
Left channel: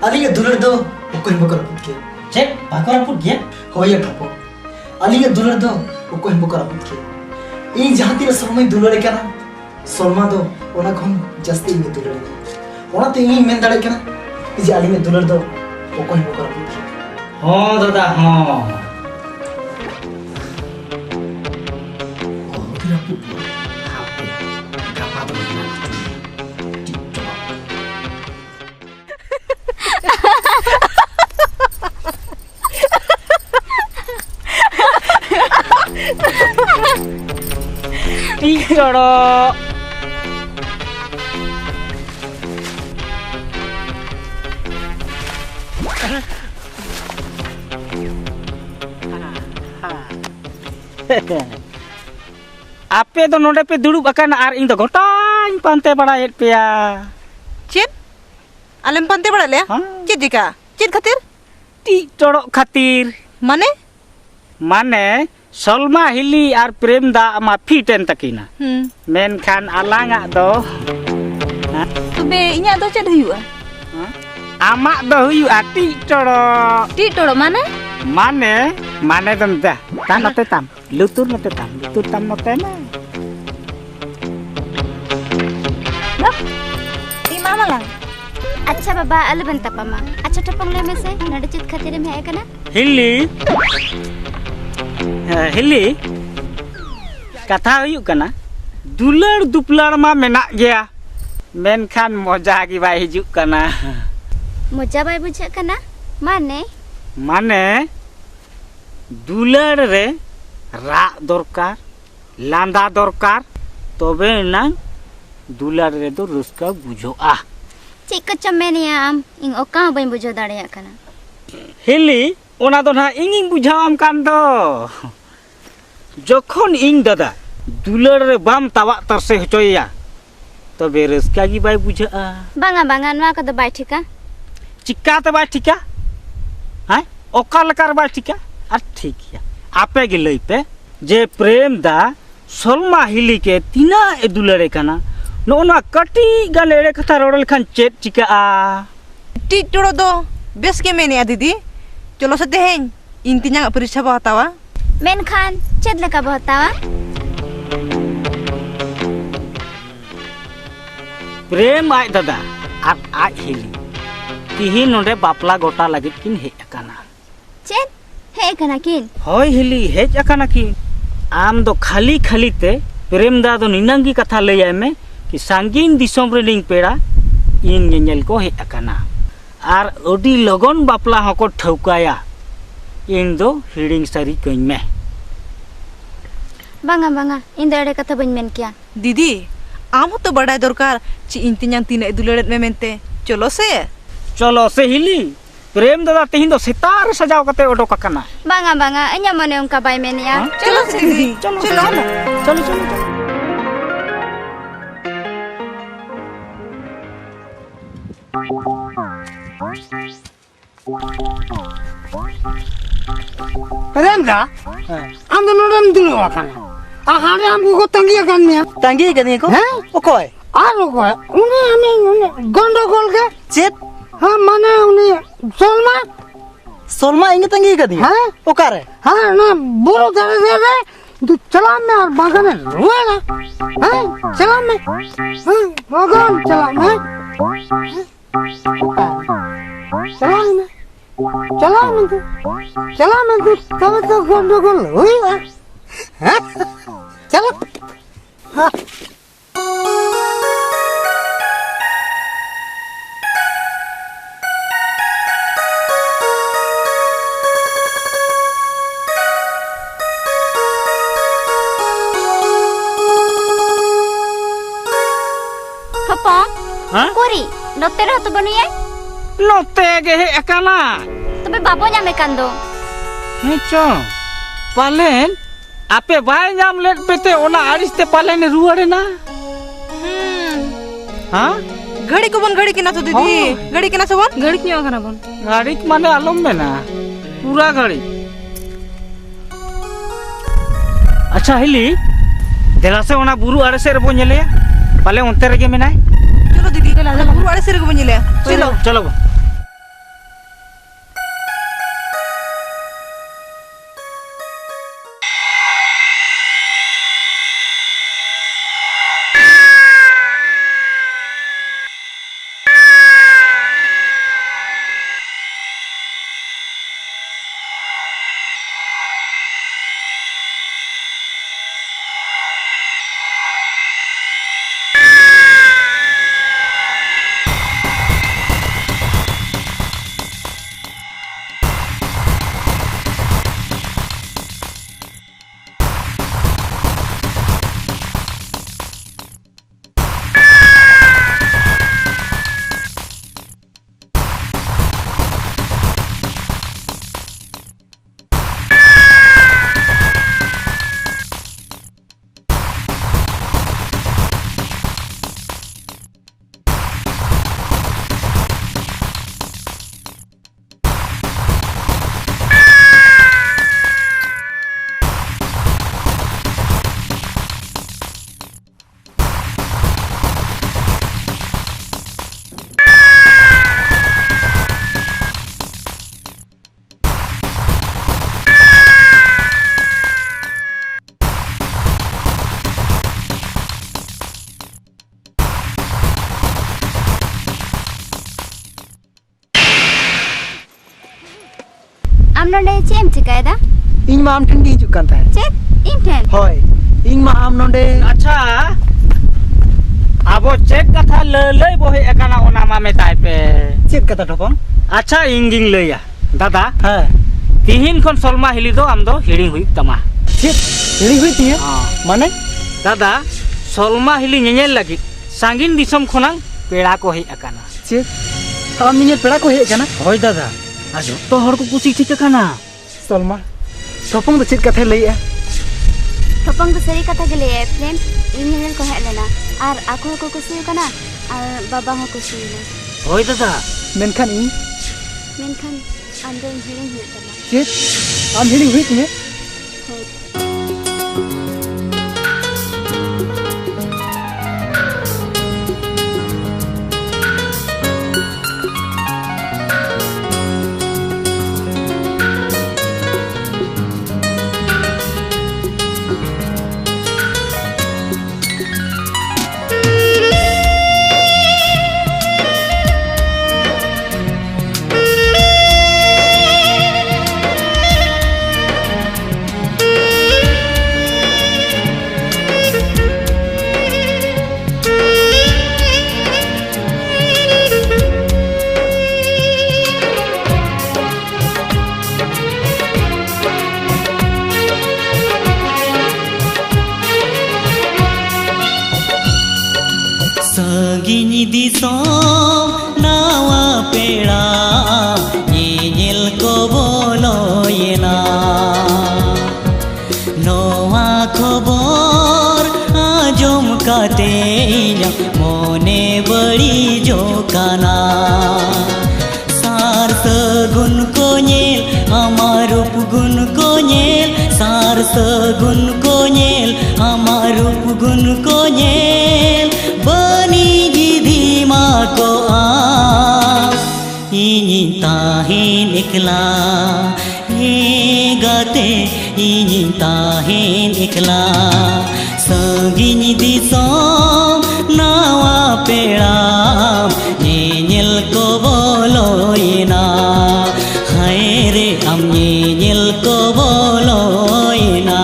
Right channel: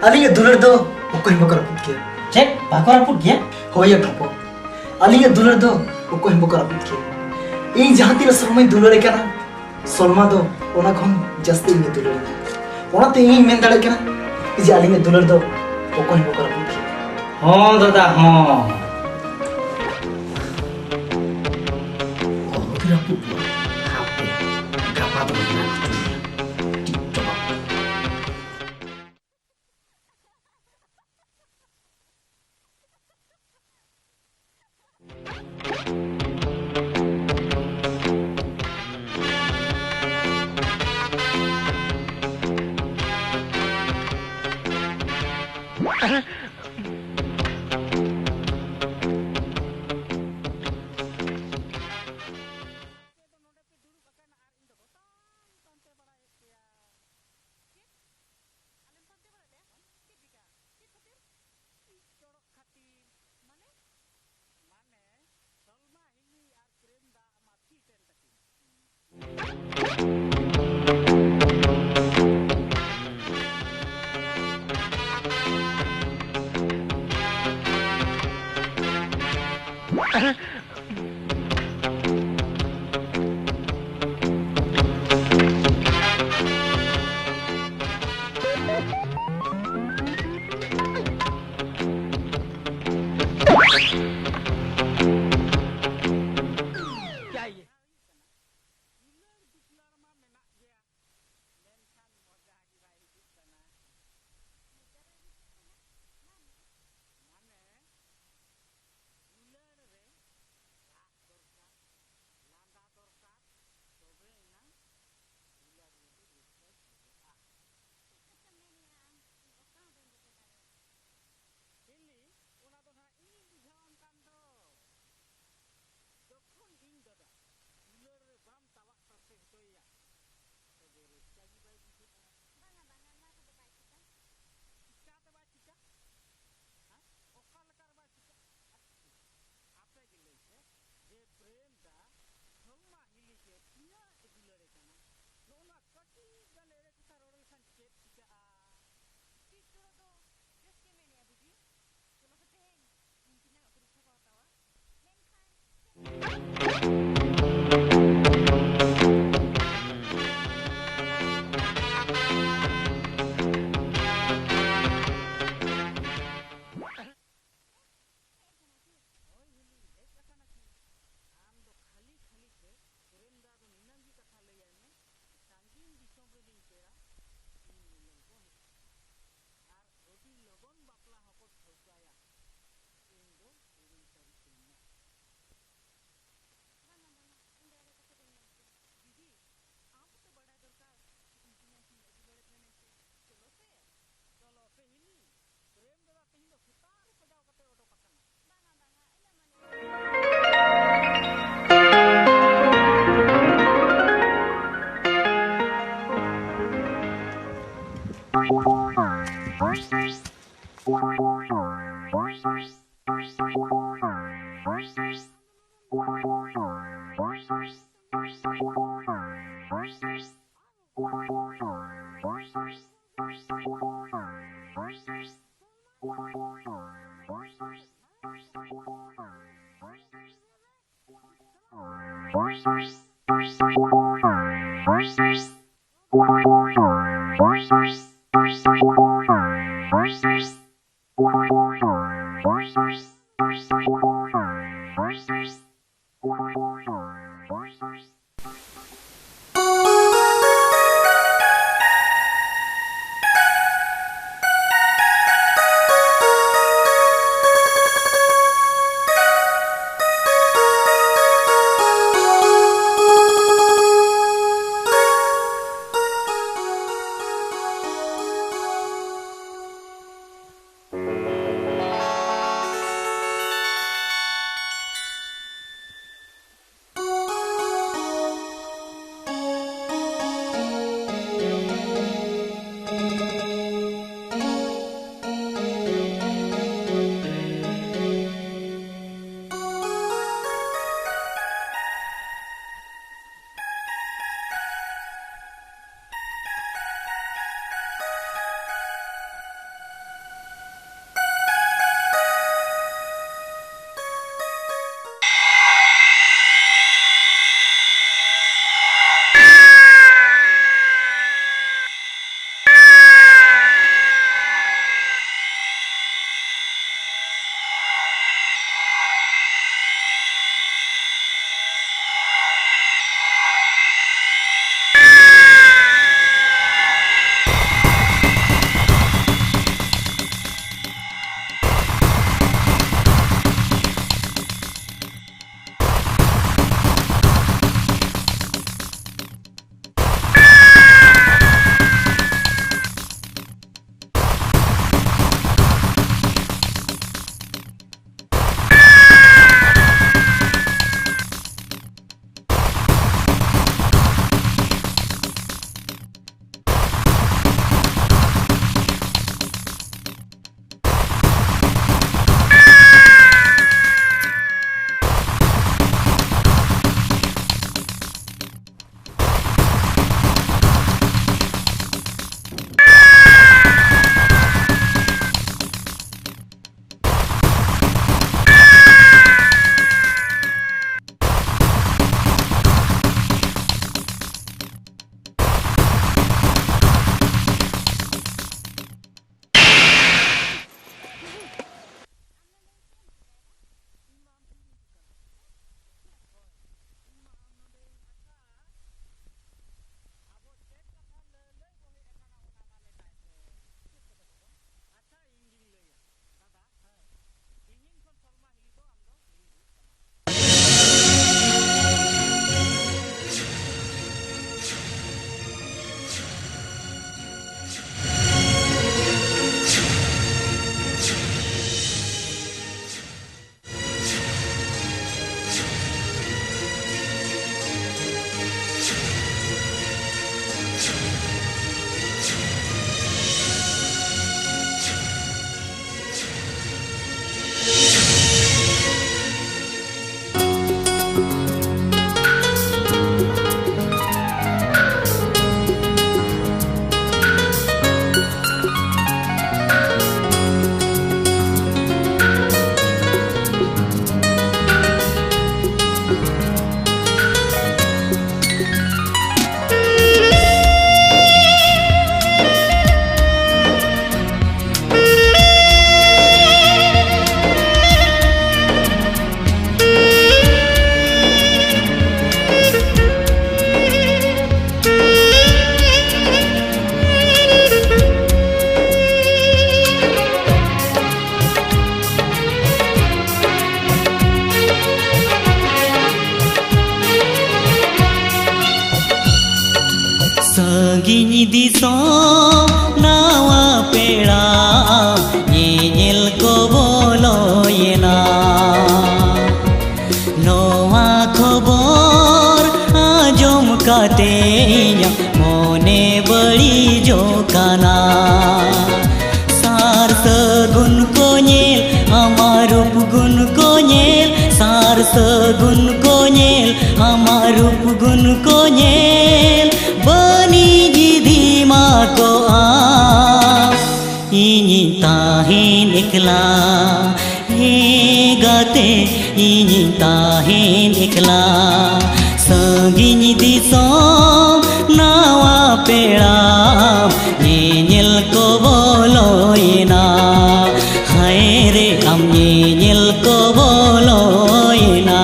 आलिया दुलर दो ओकोय बकर पुत के चेक बाकरा पुट गया होया ठपो आलिया दुलर दो ओकोय बकर पुत के इन जहाँ तीन समय दुलरे कना सलमा दो ओना खन जस्ती में दुलरे ओना ते इन मेन दाड़े कना जे आलिया दुलर दो ओकोय बकर पुत के हाँ दादा हाँ आपे तो नोडे पे दुड़ुब अकान आर इन तो गोटाई पांते बड़ाएत पेया चेत Alem pante bada le? हाँ। Cid jika? Cid khatir? टी टोड़ो खातिर Mane? माने सलमा हिली और प्रेम दा मा फिटेन तकिना मेनखान आलांगा दो Be inya do ced huyu. आमा दो हुयुआ टी टोड़ो Ti toro mana? माने माने दम दा ताम मते ताम लुतुर ताम मते ना Di mama lang. अच्छा बाबा अल बनता पामा अच्छा टपम ले में से नड चित खातिर में है कना हिली हिली कथा हुयुग कना दुलर दुपलार मा मेना गया मेनखान मजा की बाय हिजुग कना मजा बाय बुझे कना माने माने दुलर रे रा दरकार लांदा दरकार तबे ना दुलर रे दो रुस्का बुझोआ चिक चमेनिया आम इन ओका बाय बुझो दाड़िया कना हिली ओना दो ना इंगिंग बुझावाम कान दो जखन इंग दादा दुलर रे बाम तावा तरसे हचोया तबे रुस्का की बाय बुझोआ बांगा बांगा नवा कद बाय ठिका चिक्का ते बाय ठिका हाय ओका लकार बाय ठिका आ ठीक है आपे गे लई पे जे प्रेम दा सलमा हिली के तिना ए दुलरे कना नोना कटी गलेरे कथा रोडल खान चेत चिका आ Ti toro do. Bes ke mene ya didi? Cholo sa teheng. Intinya nggak periksa bawa tawa. मेन खान चेद लका बहतावा प्रेम आय दादा आ आज हिली तिही नोडे बापला गोटा लगित किन हे अकाना चेद है कना किन होय हिली हेज अकाना की आम दो खाली खाली ते प्रेम दा दो निनंगी कथा लई आय में कि सांगीन दिसोम रेडिंग पेड़ा इन ñeñel को हे अकाना आर ओडी लगन बापला हको ठौकाया इन दो हिडिंग सारी कइन में बांगा बांगा इन दड़े कथा बन मेन किया Didi, am to badai dorkar ci intinya tina duleret me mente. Cholo se. चलो से हिली प्रेम दादा तिहिन दो सितार सजाव कते ओडोक अकाना बांगा बांगा अन्या मने उनका बाय मेन या Cholo se didi. Cholo. प्रेम दा हम तो नोडम दुलो आखाना आहारे हम को तंगी अकान में तांगी कनी को हैं ओकोय आरो को उन्हें हमें गंडगोल के चेत हाँ माने उन्हें सलमा सलमा इंगे तांगी कदी हाँ ओकारे हाँ ना बोलो तरह से रे तू चला में और बागा में रुए ना हाँ चला में हाँ बागा में चला में चला में तू तब तो गंडगोल हुई हाँ चलो हाँ हाँ कोरी नोते रह तो बनिए नोते गे हे अकाना तबे बाबो ᱧᱟᱢᱮ ᱠᱟᱱ ᱫᱚ हेचो पालेन आपे बाय नाम लेट पेते ओना आरिस ते पालेन रुआड़े ना हाँ Gadi ko bon gadi kina to didi. Gadi kina so bon? Gadi kiyo kana bon. गाड़ी माने आलम में ना पूरा गाड़ी अच्छा हिली देला से ओना बुरु आरे से रबो ñele पाले उनते रगे मेनाय Cholo didi. Guru ada sirgo bunyi le. Cholo. चलो am nonde chem chikaida? ᱤᱧ ᱢᱟ ᱟᱢ ᱴᱷᱮᱱ ᱜᱮ ᱦᱤᱡᱩᱜ ᱠᱟᱱ ᱛᱟᱦᱮᱸ Chet? ᱤᱧ ᱴᱷᱮᱱ? ᱦᱳᱭ ᱤᱧ ᱢᱟ ᱟᱢ ᱱᱚᱰᱮ अच्छा अब चेक कथा लई बोहे एकाना ओना मा मेताय पे ᱪᱮᱫ ᱠᱟᱛᱷᱟ ᱴᱷᱚᱯᱚᱝ? अच्छा इंगिंग लैया दादा ᱦᱮᱸ तिहिन खन सलमा हिली दो आम दो हिड़ी हुई तमा ᱪᱮᱫ ᱦᱤᱲᱤ ᱦᱩᱭ ᱛᱤᱧᱟᱹ हाँ ᱢᱟᱱᱮ दादा सलमा हिली ñeñel लगी सांगिन दिसम खनांग पेड़ा को हेज अकाना ᱪᱮᱫ ᱟᱢ ᱤᱧᱟᱹᱜ ᱯᱮᱲᱟ ᱠᱚ ᱦᱮᱡ ᱟᱠᱟᱱᱟ? होय दादा आ जत्तो हर को कुसी ठीक अकाना ᱥᱚᱞᱢᱟ ᱴᱷᱚᱯᱚᱝ ᱫᱚ ᱪᱮᱫ ᱠᱟᱛᱷᱟᱭ ᱞᱟᱹᱭᱮᱜᱼᱟ? Topong ko sari kata gele friend ingin ko hek lana ar aku ko kusi kana ar baba ho kusi le होय दादा ᱢᱮᱱᱠᱷᱟᱱ ᱤᱧ menkan ande hiring hui dala ᱪᱮᱫ ᱟᱢ ᱦᱤᱲᱤᱧ ᱦᱩᱭ ᱛᱤᱧᱟᱹ? hoi Saginyi disom nawa peda nyel ko boloyena noa khobor ajom kate inya mone badi jokana sar sagun ko nyel amar rup gun ko nyel sar sagun ko nyel amar rup gun ko nyel bani jidi ma ko a ini tahin ikla he gate ini tahin ikla sanginyi disom nawa peda nyel ko boloina hai re am nyel ko boloina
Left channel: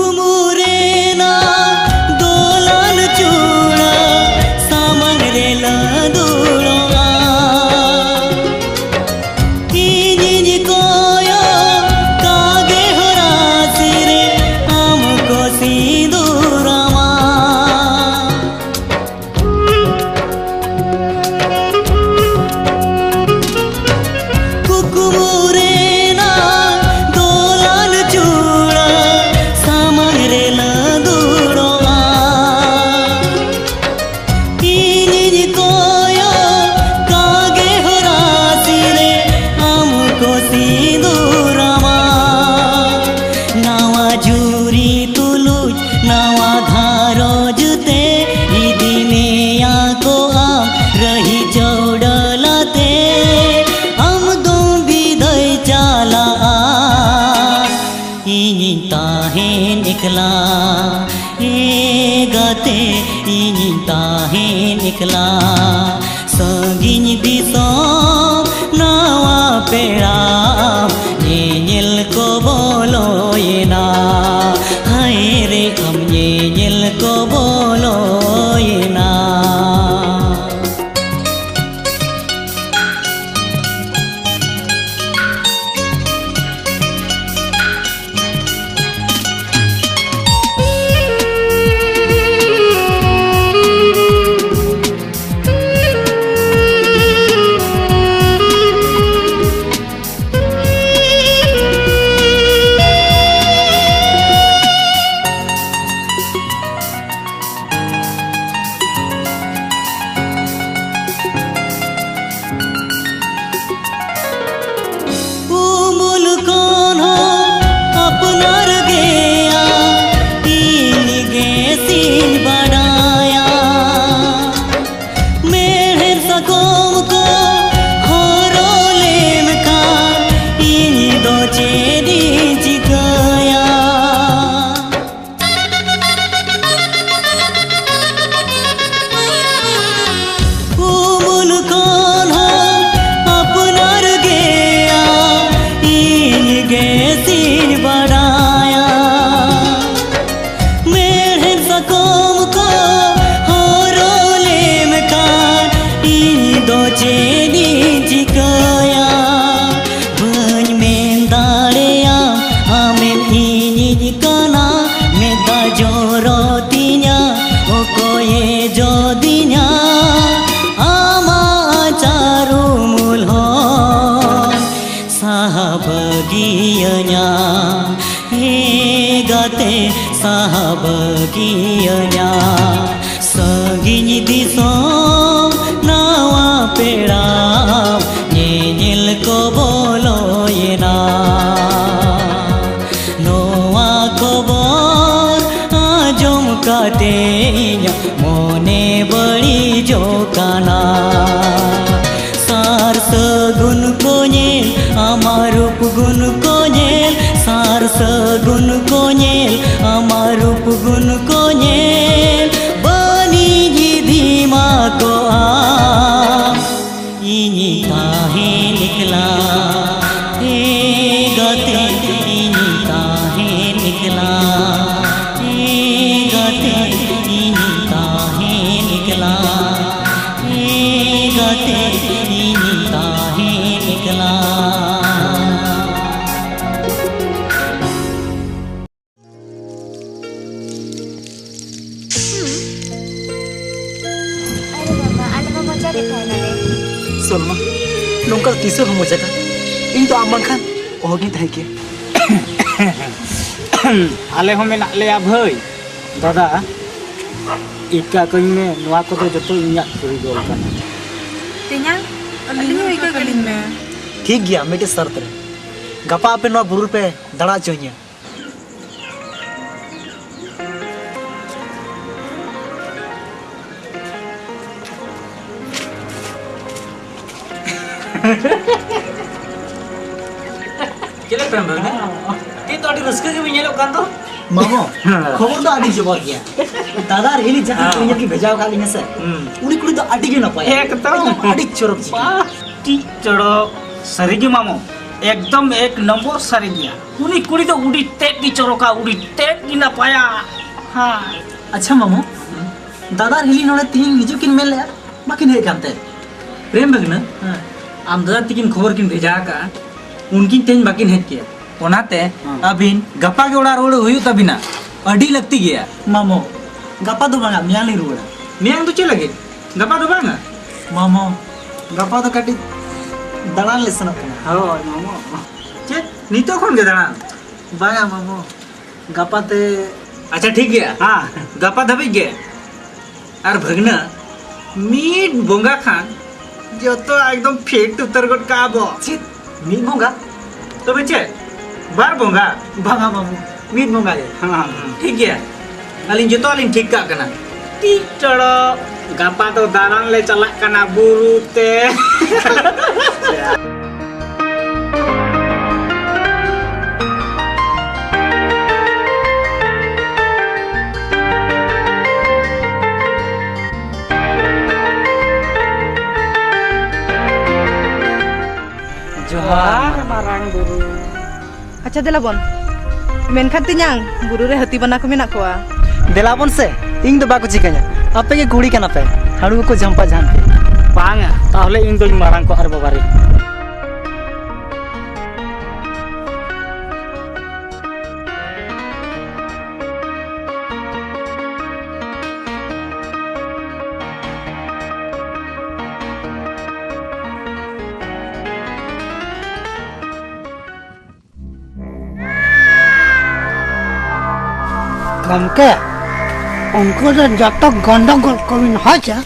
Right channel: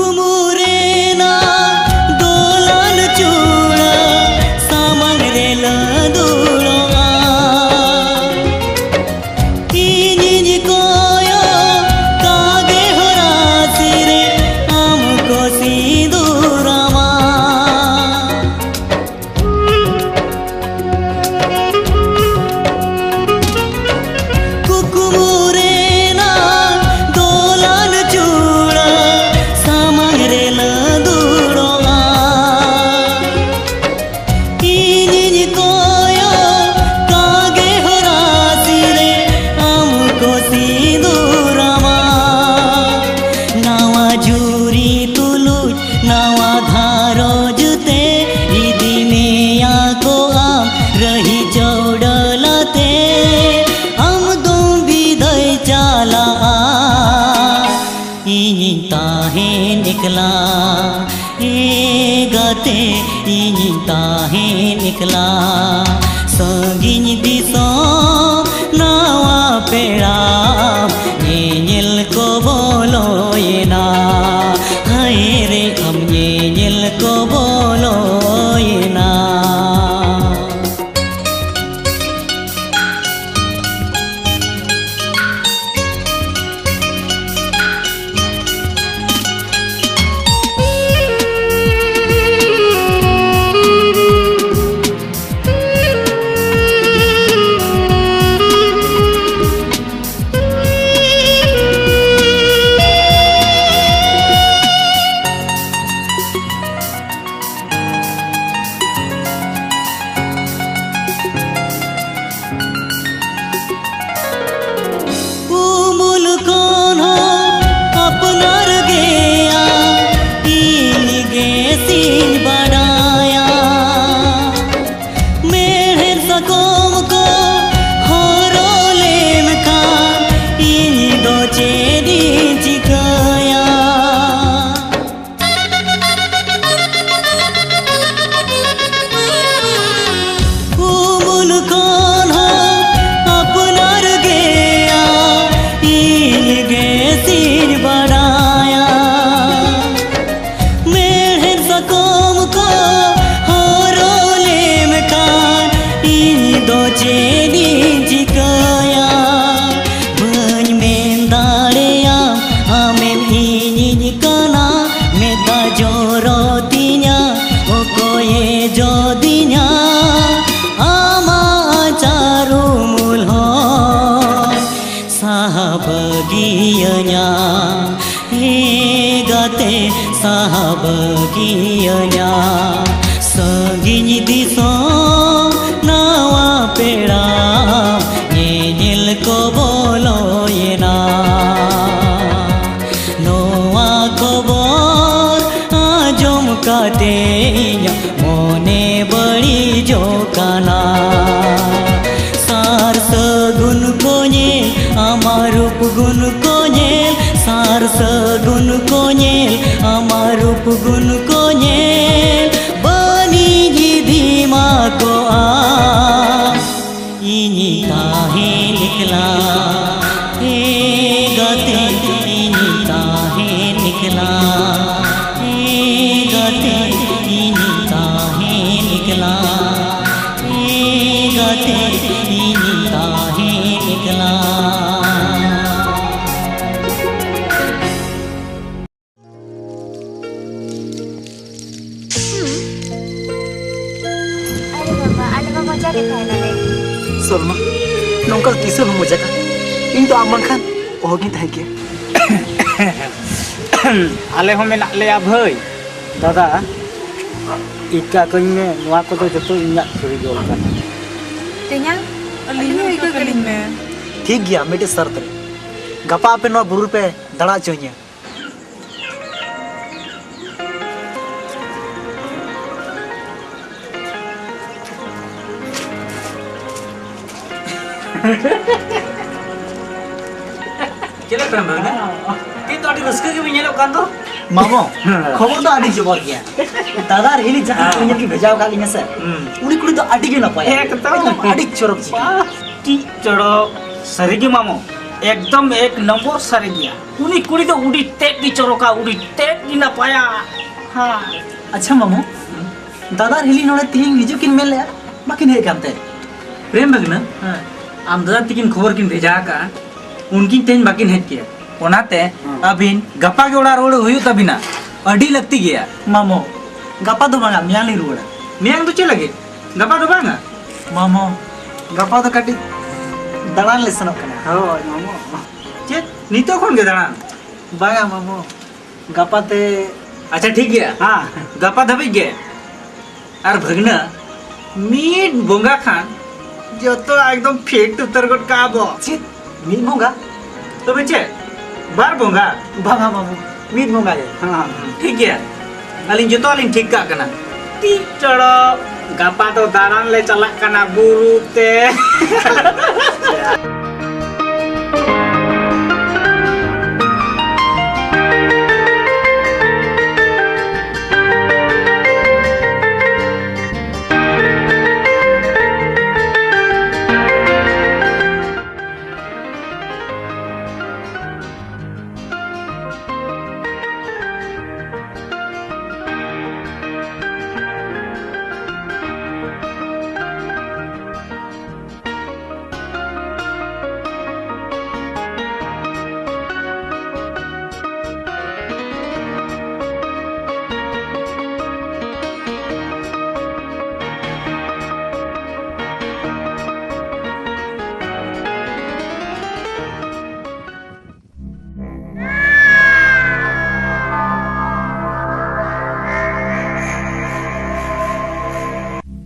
कुकुमुरेना दोलन चूड़ा सामंग रेला दूरोआ इन्हीं कोयो कागे होरा सिरे हमको सिंदूरमा कुकुमुरेना दोलन चूड़ा samangreela duroa inyi koyo kage horasire amko sindurama nawa juri tuluj nawa dharo jute idine ako am rahi jodalate am dum biday chala ini tahin ikla e gate ini tahin ikla sanginyi disom nawa peda nyel ko boloyena hai re am nyel ko boloyena चेदी चिकाया बन में दाड़ेया आमेम इनिज काना मेता जोरोतिnya okoye jodinya ama caru mulhon sahabagianya gate sahabagianya sagini disom nawa pera nyel ko boloyena noa kobor ajom katenya mone badi jokana sar sagun konyel amar rup gun konyel sar sagun konyel amar rup gun konyel bani jidhima ko a ini tahe nikla gate ini tahe nikla gate ini tahe nikla gate ini tahe nikla अरे बाबा आले मा मजा के थाय नाले सलमा नौका तीसर हम मजा का इन तो आम खान ओहगी थाय के आले हो मेना ले भाई दादा इका कई में नुआ को तो जतो इन्या करी गोल कना तेन्यां अलिनो इका कलिन में ठीक गया मेटे शर्त रे गपा पे नो बुरुर पे दड़ा चोइया केले पेम ना ती तो अडी रस्के के बिन्यालो कान तो मामो खबर तो आदि जबर गया दादा रेली जहां कोइया की भेजाव खाली से उनी कुड़ी तो आदि के न पाया एकदम आदि चोरक जी टी चढ़ो सरिगी मामो एकदम एक नंबर सरिगिया उनी कुड़ी तो उड़ी टेक की चोरोका उड़ी टेक की ना पाया हां अच्छा मामो दादा रेली नोड़े तीन निजु किन मेल ले बाकिन हे कांते प्रेम बगना आम दादा तिकिन खबर किन भेजा का उनकिन तेन बाकिन हेत किया ओनाते अबिन गपा के ओड़ा रोड हुई तबिना अडी लगती गया मामो गपा दो बांगा मियाली रोड़ा मियांग तो चले गए गपा तो बांगा मामो गपा तो कटी दलान ले सनक कना हो मामो चे नीतो खोन के दाना बांगा मामो गपा ते अच्छा ठीक है हां गपा धबी गे और भगना मीट बोंगा खान जो तो एकदम फेट उतर गट का बो चित मीट बोंगा तो बच्चे बार बोंगा बांगा मामो मीट बोंगा गे हां ठीक है अलिन जो तो अलिन ठीक का कना टी चढ़ो गपा तो दारान ले चला कना बुरु ते अच्छा देला बोन मेनखान तेन्यां बुरु रे हाथी बना को मेना कोआ देलाबन से इन दो बाको चिकना आपे के कुड़ी कना पे हाड़ू को जंपा झांके बांगा ताहले इन दो मारांग को हर बाबारी गमके उनको जो जब तक गंडगोल कोई न हो जा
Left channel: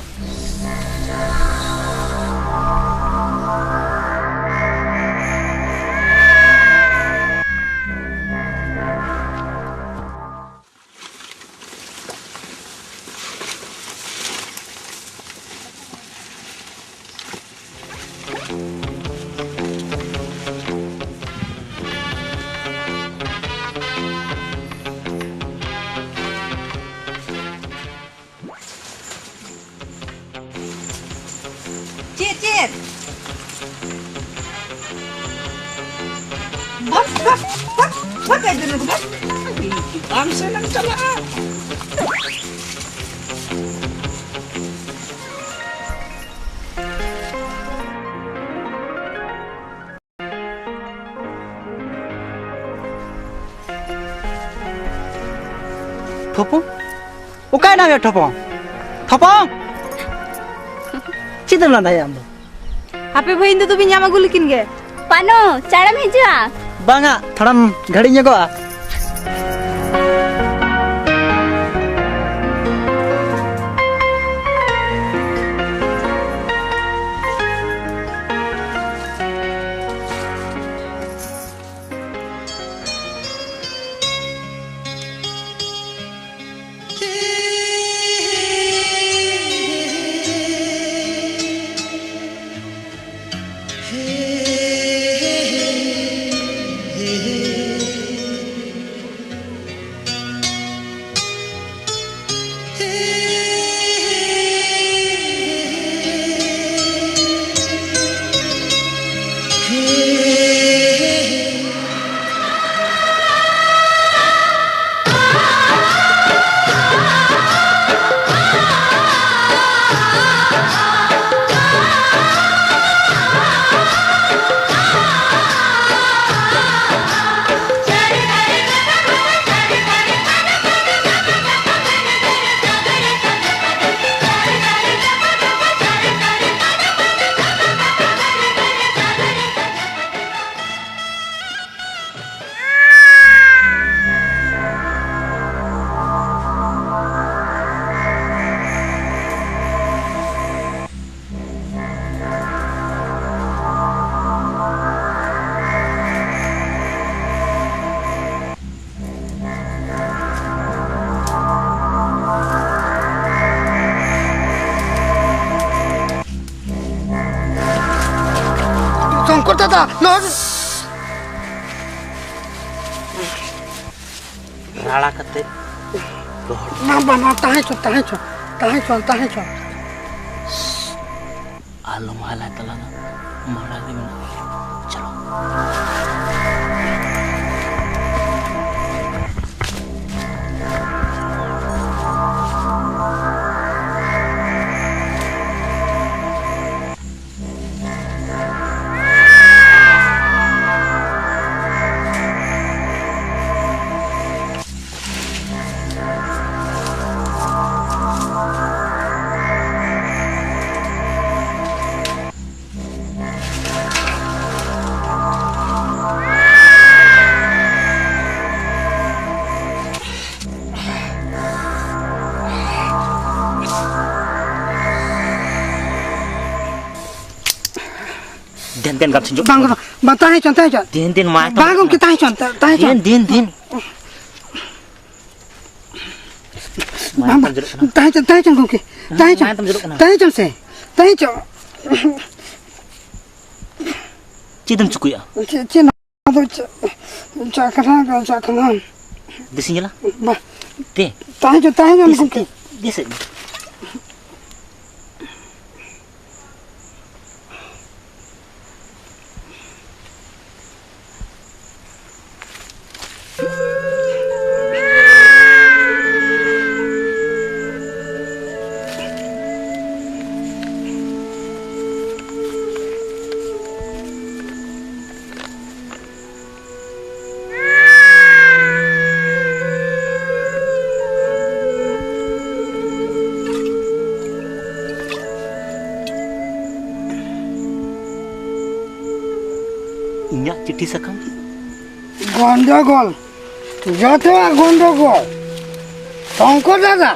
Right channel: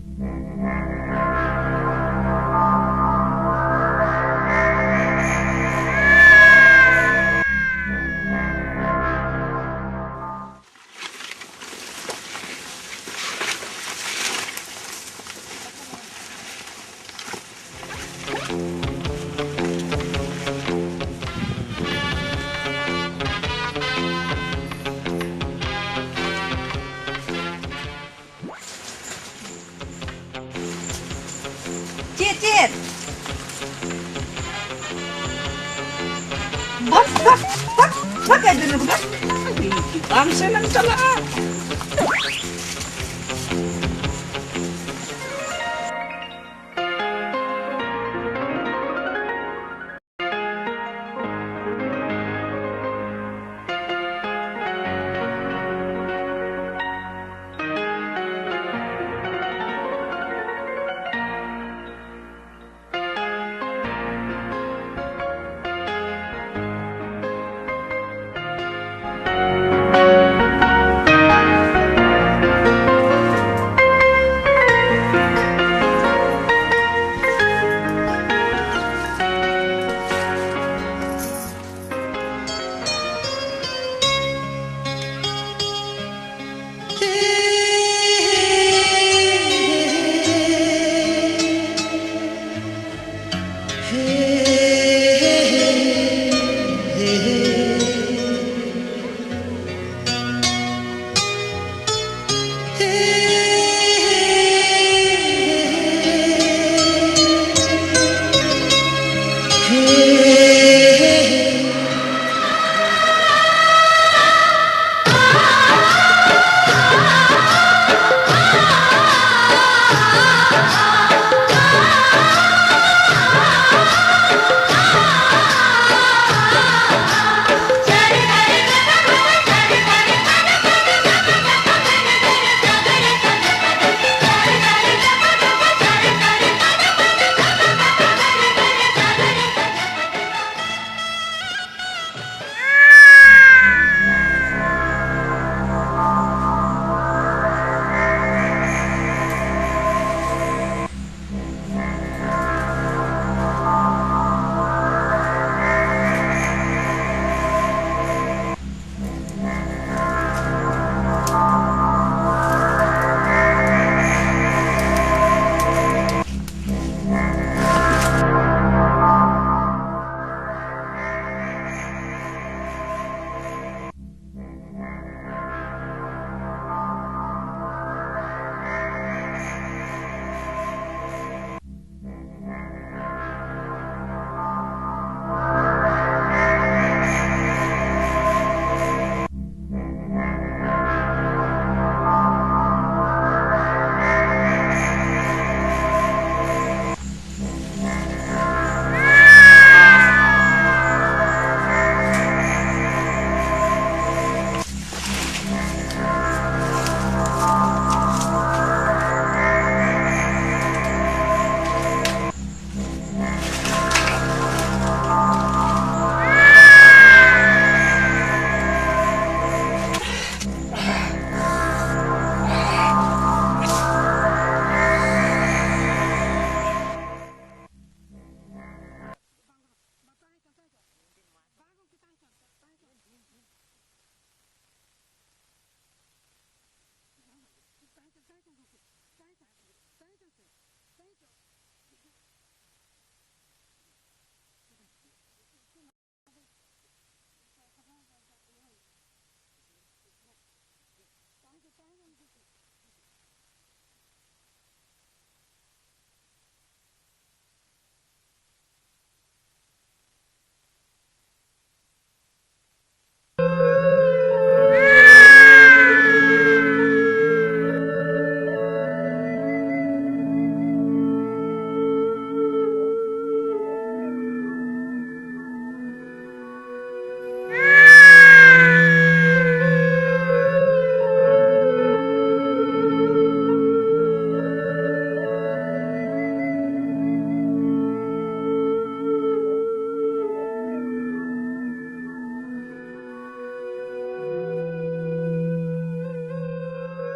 Cit. Bak aja dulu kan. Am senang salah. ना ये ठोपो ठोपो चिदम ना या Apa bayi itu tuh pinjam aku likin ge? Pano, cara meja. बांगा थोड़ा घड़ी ᱧᱚᱜᱚᱜᱼᱟ शंकर दादा लौट राड़ा कते ना बना ताहे चो आलो माला तला मोरा दे चलो दिन गप छिंजो बांग बताहे चो दिन मा बांग के ताहे चो दिन ताहे चो के ताहे चो से ताहे चो चिदम चुकुया चिन तो चाकना दिसिला बा ते ताहे चो के दिसे चिट्ठी सकम गंडगोल जतवा गंडगोल शंकर दादा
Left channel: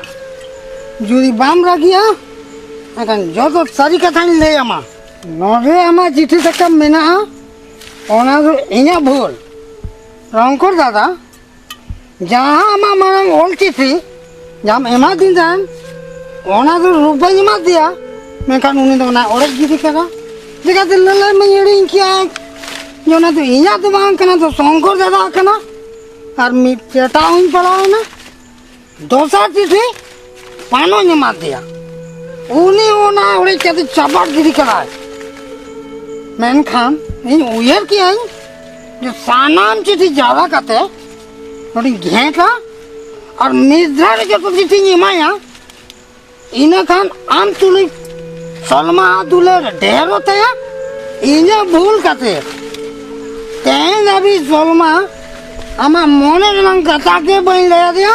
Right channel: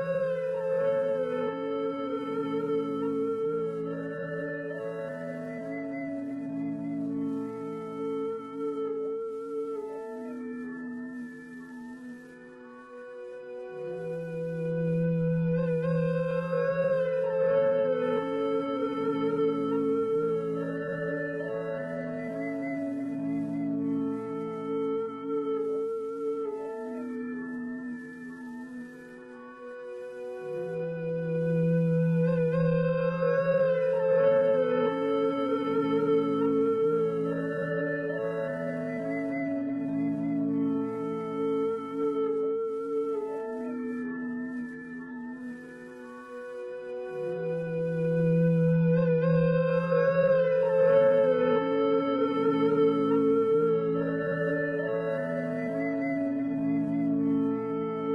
जुदी बाम रागिया अकन जतो सारी कथा ले आमा नोरे आमा चिट्ठी सकम मेना ओना दो इया भूल शंकर दादा जहां आमा मांग ओल चिट्ठी जाम एमा दिन जान ओना दो रुपया मा दिया मैं कान उनी दो ना ओरे गिरी करा दिखा दिल ले मैं येड़ी क्या जोना तो इया तो बांग कना तो शंकर दादा कना और मी चेटाउन पड़ा ना दोसा चिट्ठी पानो ने मार दिया उनी ओना ओरे चते चपट गिरी करा मैन खान इन उयर की आई जो सानाम चिट्ठी जावा कते थोड़ी घेका और मिद्रा रे जो चिट्ठी नी माया इना खान आम तुली सलमा दुले ढेर होते हैं इने भूल कते तेन अभी सलमा आमा मोने रंग कथा के बन ले दिया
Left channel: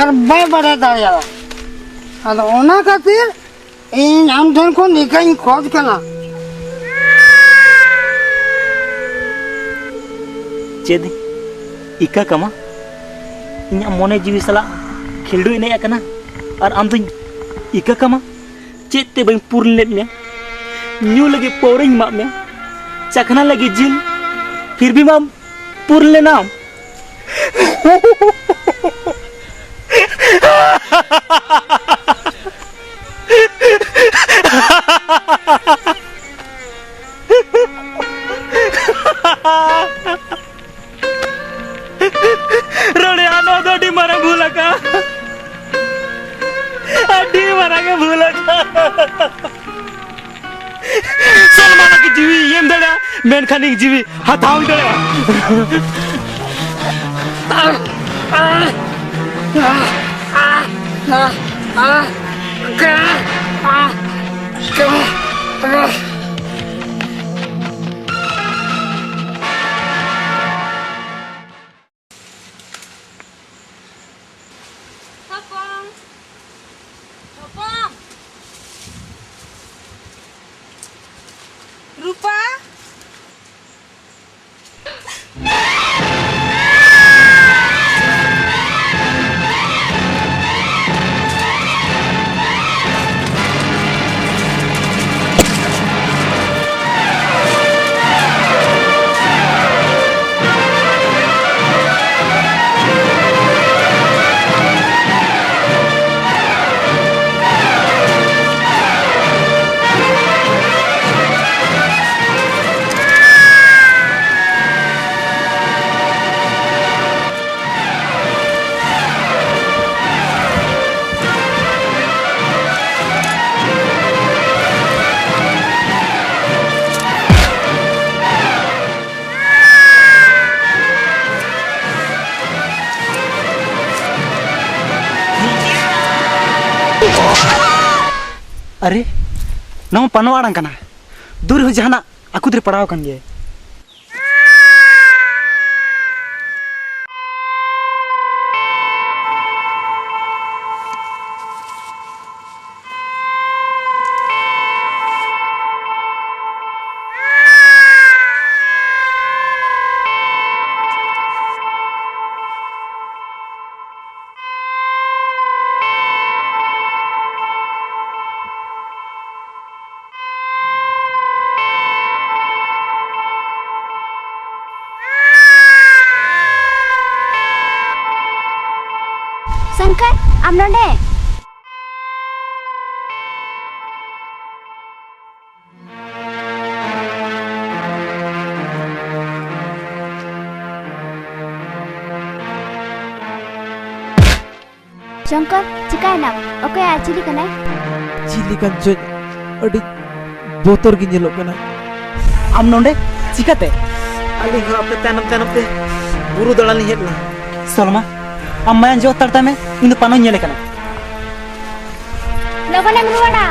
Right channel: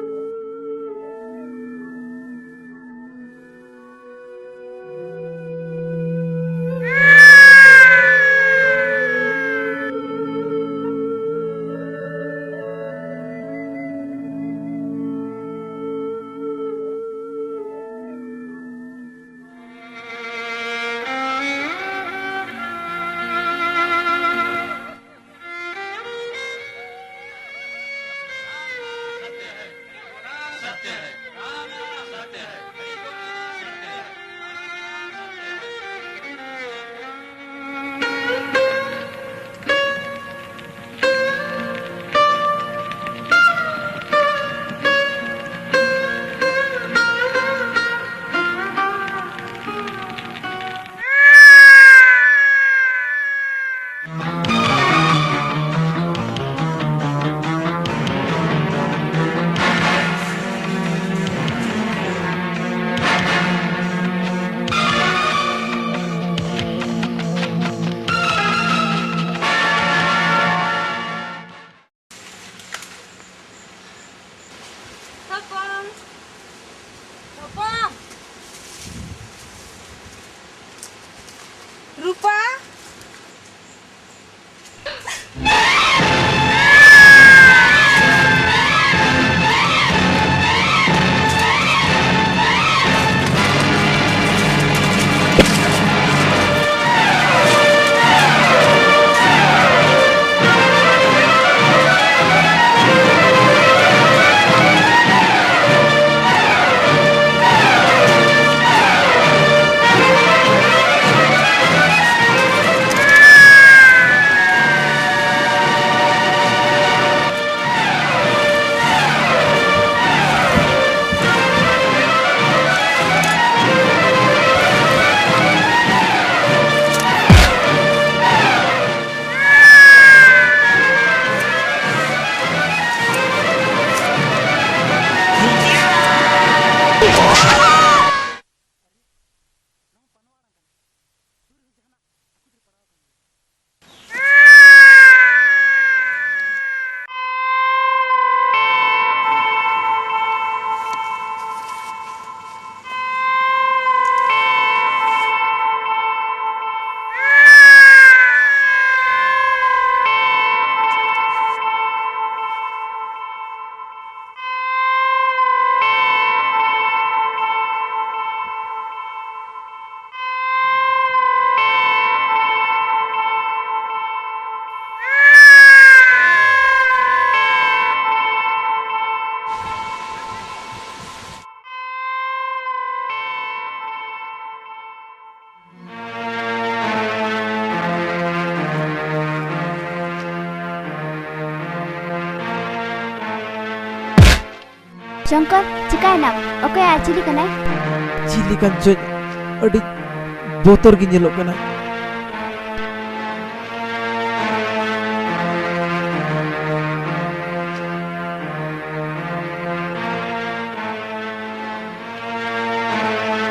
और बे बड़े दाया अदो ओना खातिर इन आम ठन को निकाई खोज कना चेद इका कमा इन्या मोने जीवी सला खिलडू इने कना और आम तो इका कमा चेद ते बई पुरले में न्यू लगे पोरिंग मा में चखना लगे जिन फिर भी माम पुरले नाम रोड़े आनो तो डी मरा भूला का डी मरा का भूला का सलमान की जीवी येम दड़ा मेन खानी की जीवी हथाऊ दड़ा रूपा अरे नम पनवाड़ां कना दूर हो जहाना आकुद्रे पड़ाव कन गे शंकर आम नोंडे शंकर चिकायना ओके चिली कना चिली kan ᱪᱮᱫ ᱟᱹᱰᱤ ᱵᱚᱛᱚᱨ ᱜᱮ ᱧᱮᱞᱚᱜ ᱠᱟᱱᱟ आम नोंडे चिकाते अरे आपके तनम तनम पे बुरु दड़ा नहीं है सलमा आम मायन जो तरता में इन पानो ñele kana लोगों ने बुआड़ा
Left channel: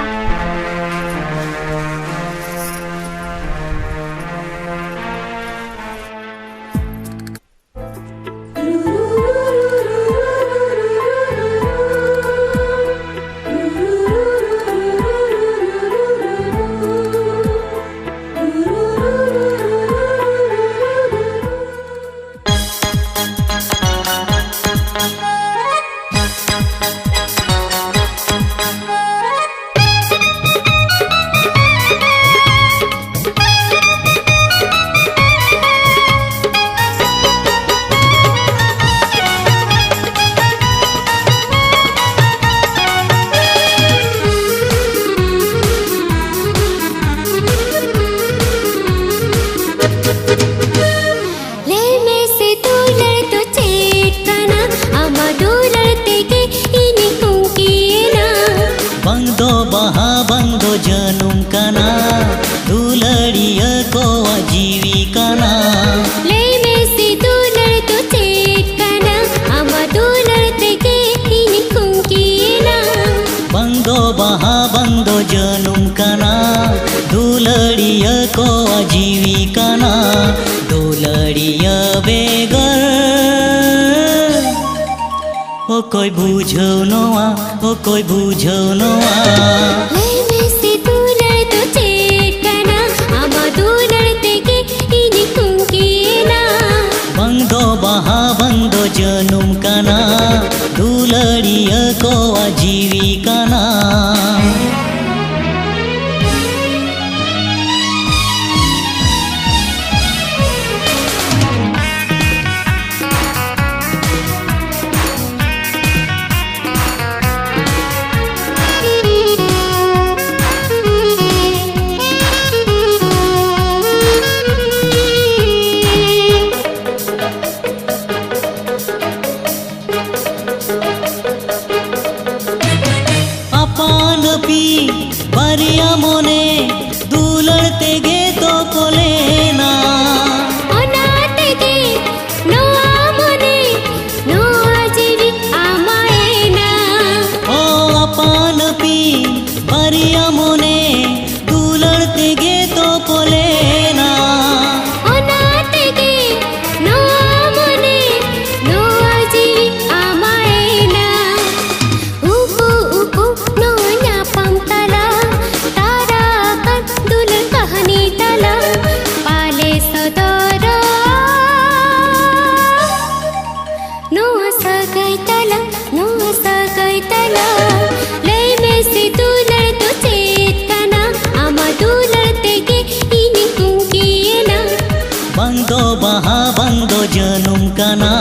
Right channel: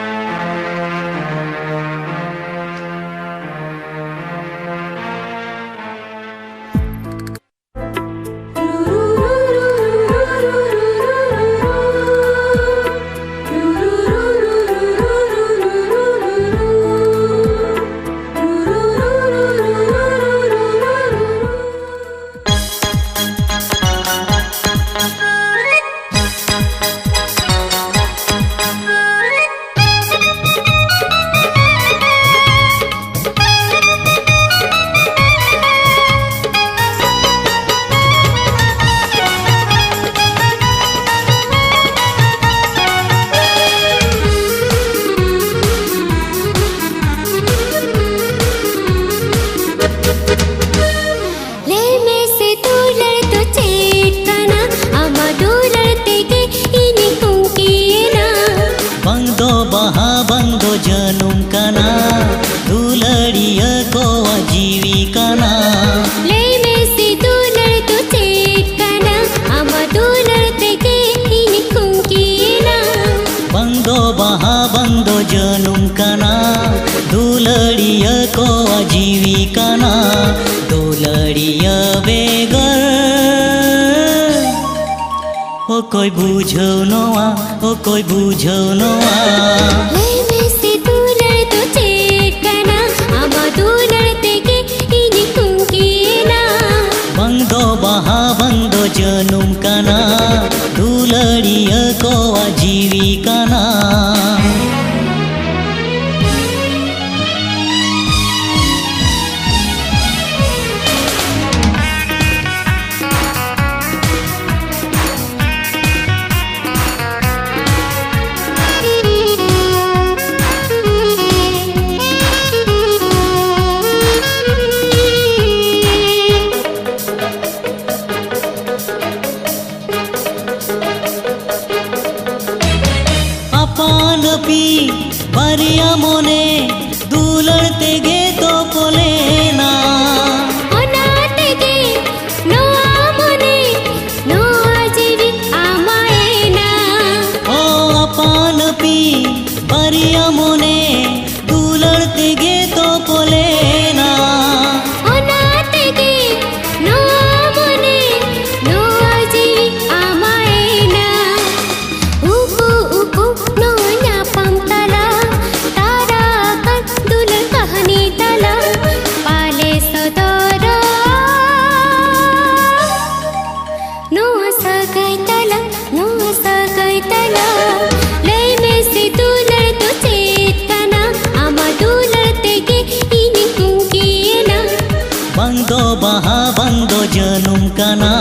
जनुम कना दुलड़िया को जीवी कना ले में से दुलड़ तो चेट कना हम दुलड़ते के इनकुम कीना बंदो बहा बंदो जनुम कना दुलड़िया को जीवी कना दुलड़िया बेगर ओकोय बुझौ नोआ ओकोय बुझौ नोआ लय में से दुलर तो चेट कना आमा दुलर तेगे इनी कुंकीना बंदो बहा बंदो जनुम कना दुलड़िया को आजीवी कना बारिया मोने दुलड़ तेगे तो पोलेना ओना तेगे नोआ मोने नोआ जीवी आमाएना ओ अपान पी बारिया मोने दुलड़ तेगे तो पोलेना ओना तेगे नोआ मोने नोआ जीवी आमाएना उकु उकु नोया पंतला तारा कर दुल्हन कहानी तला पाले सदरा नोआ सगाई तला लय में से दुलर तो चेत कना आमा दुलर तेगे इनी कुंकीना बंदो बहा बंदो जनुम कना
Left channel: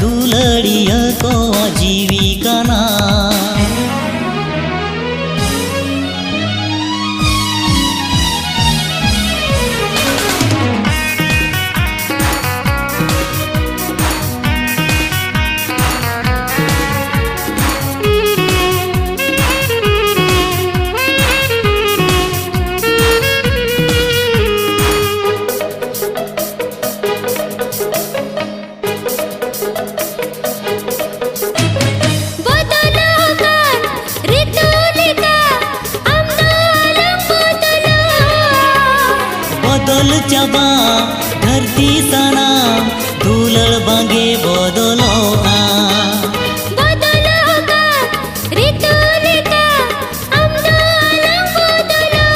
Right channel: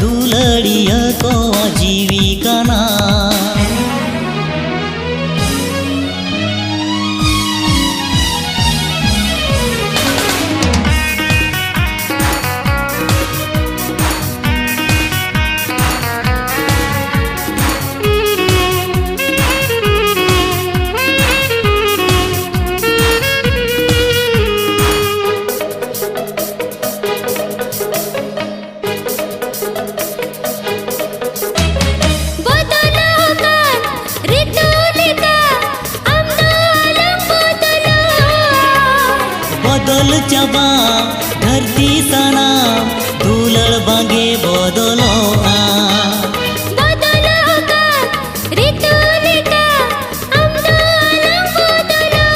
दुलड़िया को आजीवी कना बदल चबा धरती सना दुलड़ बांगे बदलो आ बदलो का ऋतु लिखा हमनो आलम बदलो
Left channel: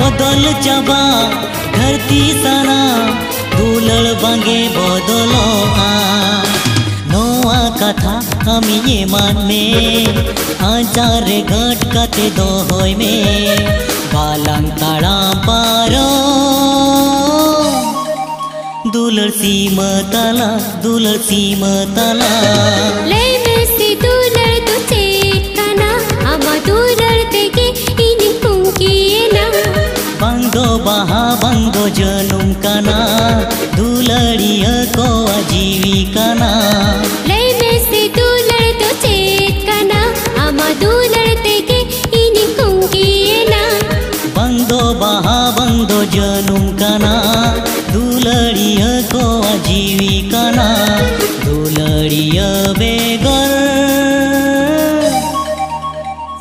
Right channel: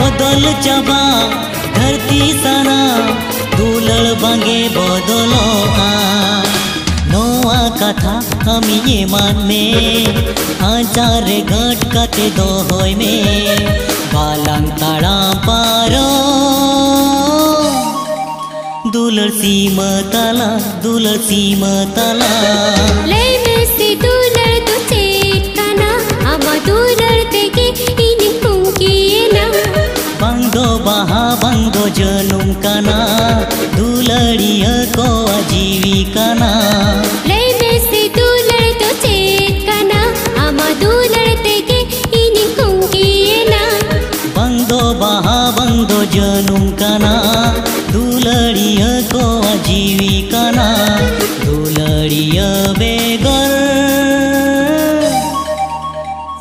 बदल चबा धरती सना दुलड़ बांगे बदलो आ नोआ कथा हम ये मान में आचार घट कते दो होय में बालंग ताड़ा पारो दुलड़ सीमा तला लय में से दुलर तो चेत कना आमा दुलर तेगे इनी कुंकीना बंदो बहा बंदो जनुम कना दुलड़िया को आजीवी कना लय में से दुलर तो चेत कना आमा दुलर तेगे इनी कुंकीना बंदो बहा बंदो जनुम कना दुलड़िया को आजीवी कना दुलड़िया बेगर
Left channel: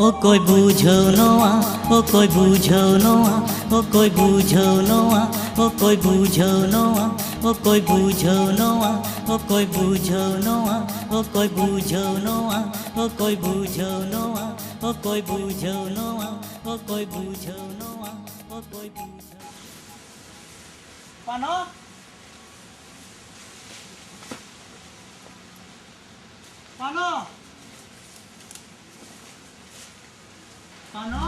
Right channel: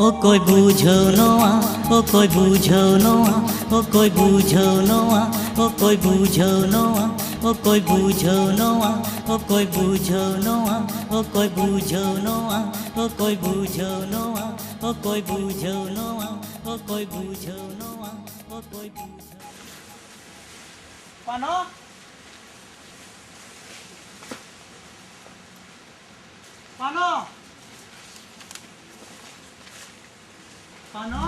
ओ कोई बुझौ नोआ ओ कोई बुझौ नोआ ओ कोई बुझौ नोआ ओ कोई बुझौ नोआ ओ कोई बुझौ नोआ ओ कोई बुझौ नोआ ओ कोई बुझौ नोआ ओ कोई बुझौ नोआ ओ कोई बुझौ नोआ ओ कोई बुझौ नोआ ओ कोई बुझौ पानो पानो पानो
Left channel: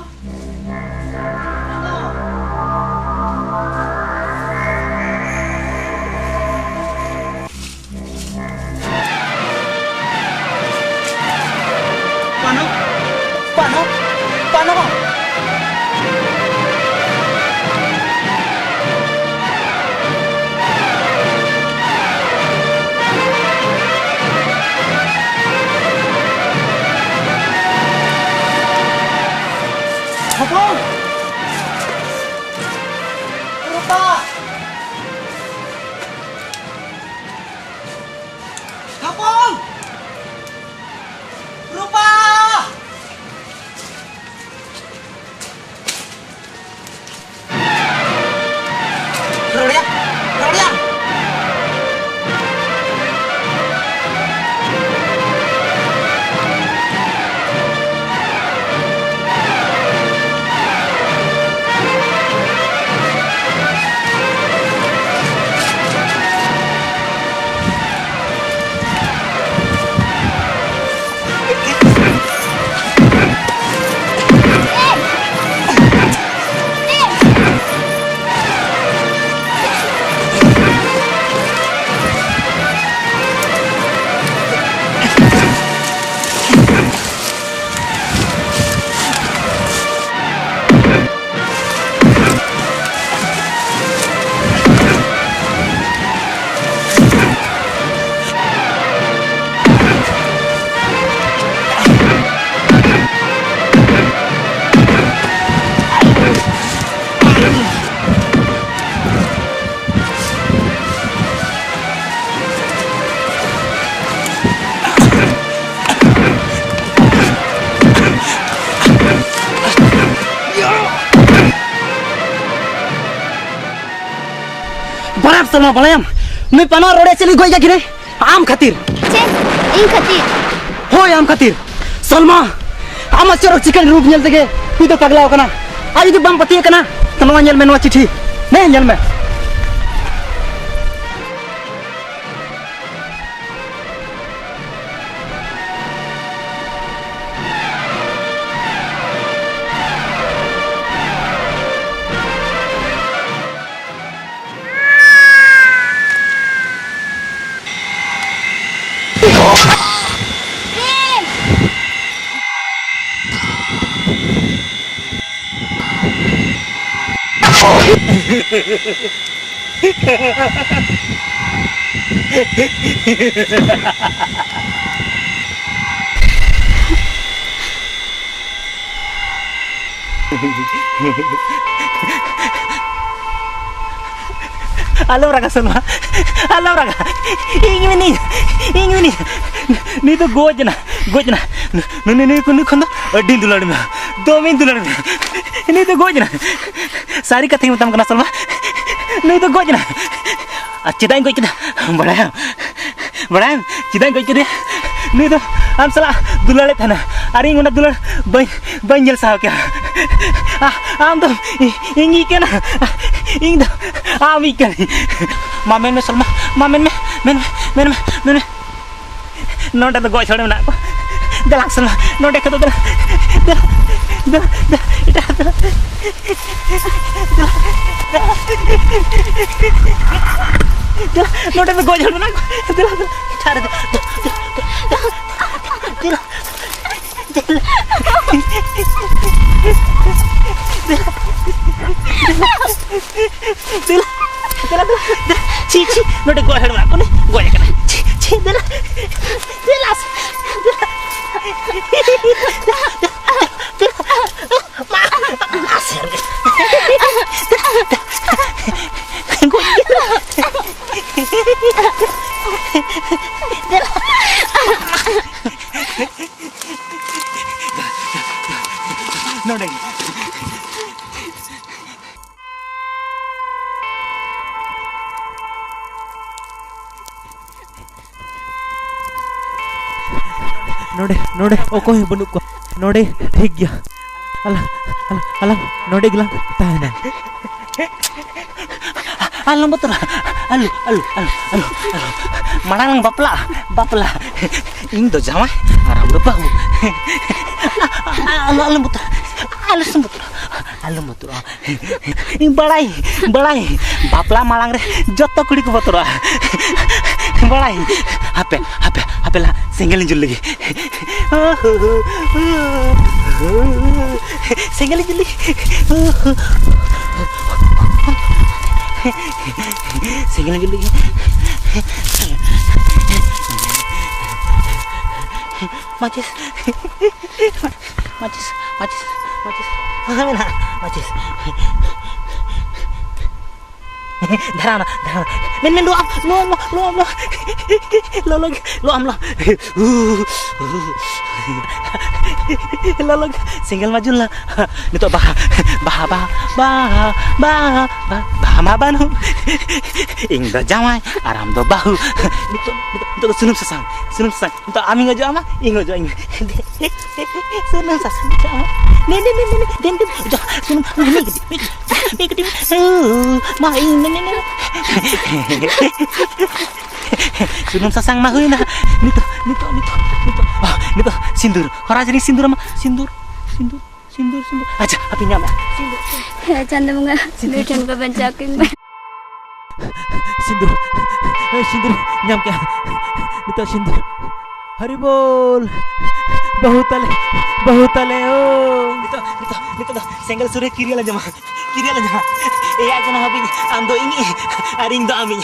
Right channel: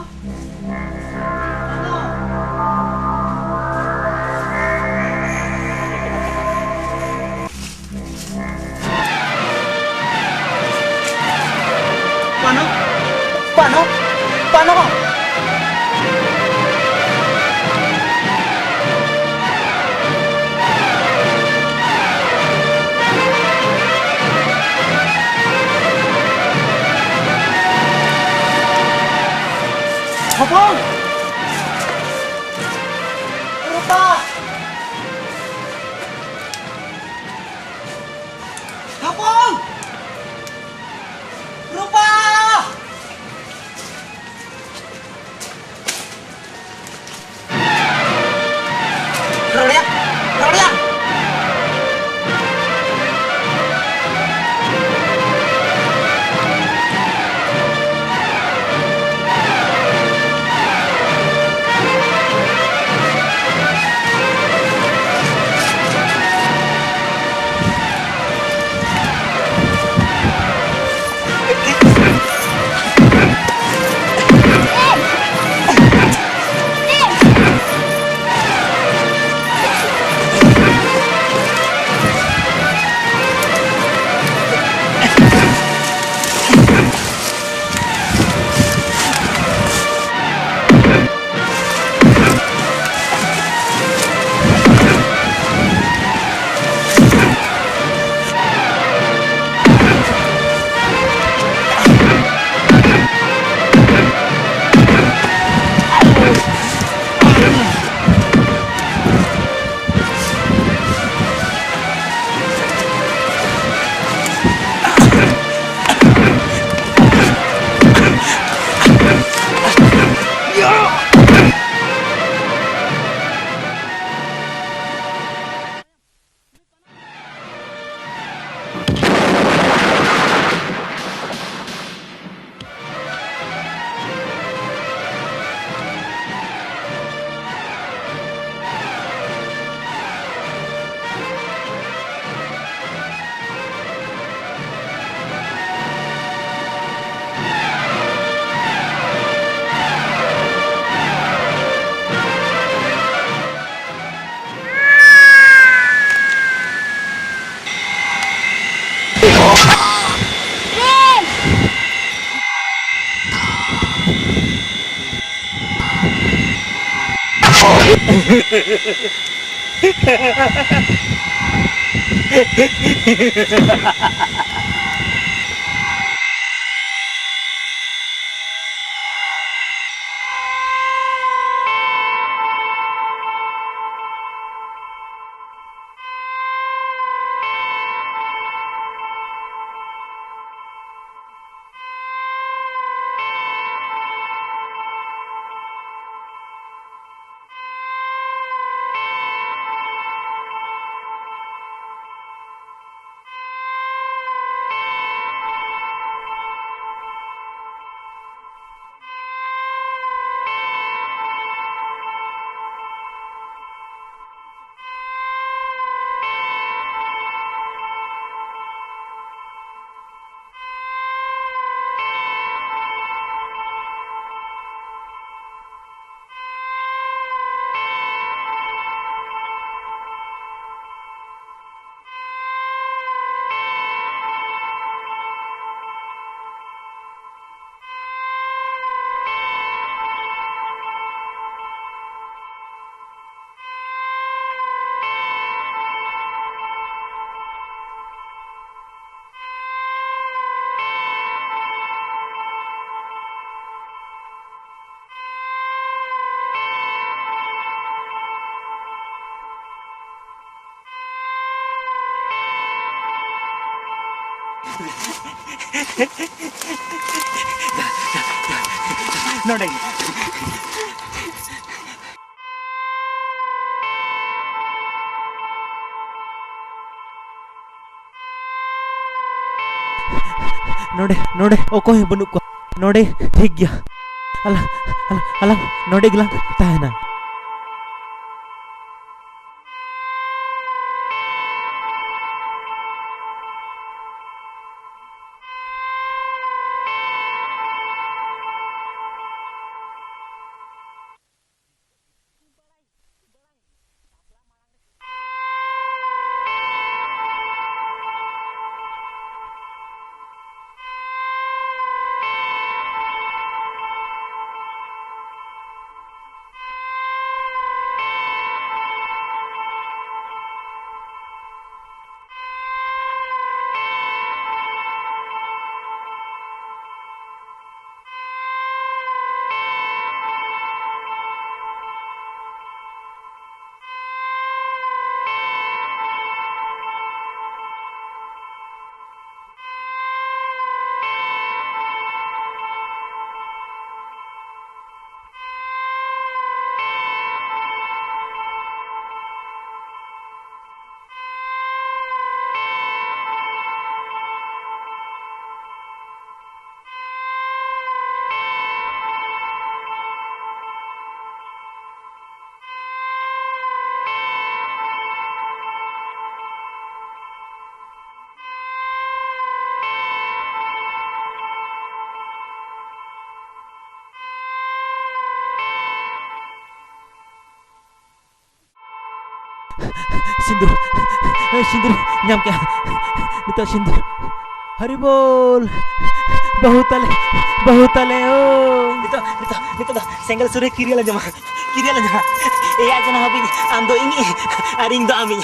पानो पानो पानो पानो Salma balayam. Nui pana rode chili goi ja kire. Am khatir. Hoi am khatir. Salma. Ama chorok chicken roop nyel tege. Kui to pagla kana. Ayu tu bam pati kana. Tanwa nyel me no chithi. Ne nyel me. Halo raga Salma. Halo raga. Ini. Ni to gojna. Ni kono din dulad me. 2 min dulad me. Ni to gojna. सारी कथा ही बताऊं सलमा नहीं तो goes ना चिदाई goes ना बड़ा चिदाई goes दे नहीं तो हम सला दुलाले था ना अरे इंगोना दुलार बन जल साहब क्या हम तो इंगी क्या ना इंग तो आम ही क्या मामेन में सलमा मामेन में नोटा तो गोज छोड़े ना को दलाक सलमा नोटे को तो दला नोटे में गोज ना ची नोटे गोज ना को गोज करना ची दिला नोडे ओकोय बनुक को नोडे ठीक गया अला नोडे गिlang tahanan alam betul alu marang bapla ing do jamai aram do bahu alu betul alu betul ing balai bapla malang re joto kudi ko betul balai hape la single jul lagi single jul lagi single jul lagi macis Darana. Men lo single majul lah. Nito bah banu. Ing do jamai aram do bahu. Nito sunum sasang. Nito ami ngojo ama ing ngojo ing. Sunum sasang. Den sunum ini gede. Mah ing sunum sasang mah na. Nito. Nito sindur. Ora jadi sindur ama sindur. Aja apinya ama. Ya canda bunga. Dutan baban caking. Sindur nyam क्या नितो सिंदूर हरि बोल बहुतले ओ नितो single सुरे किरियाला जमा ए आज ना हबी आम दो इंगी आरिंग दो आमी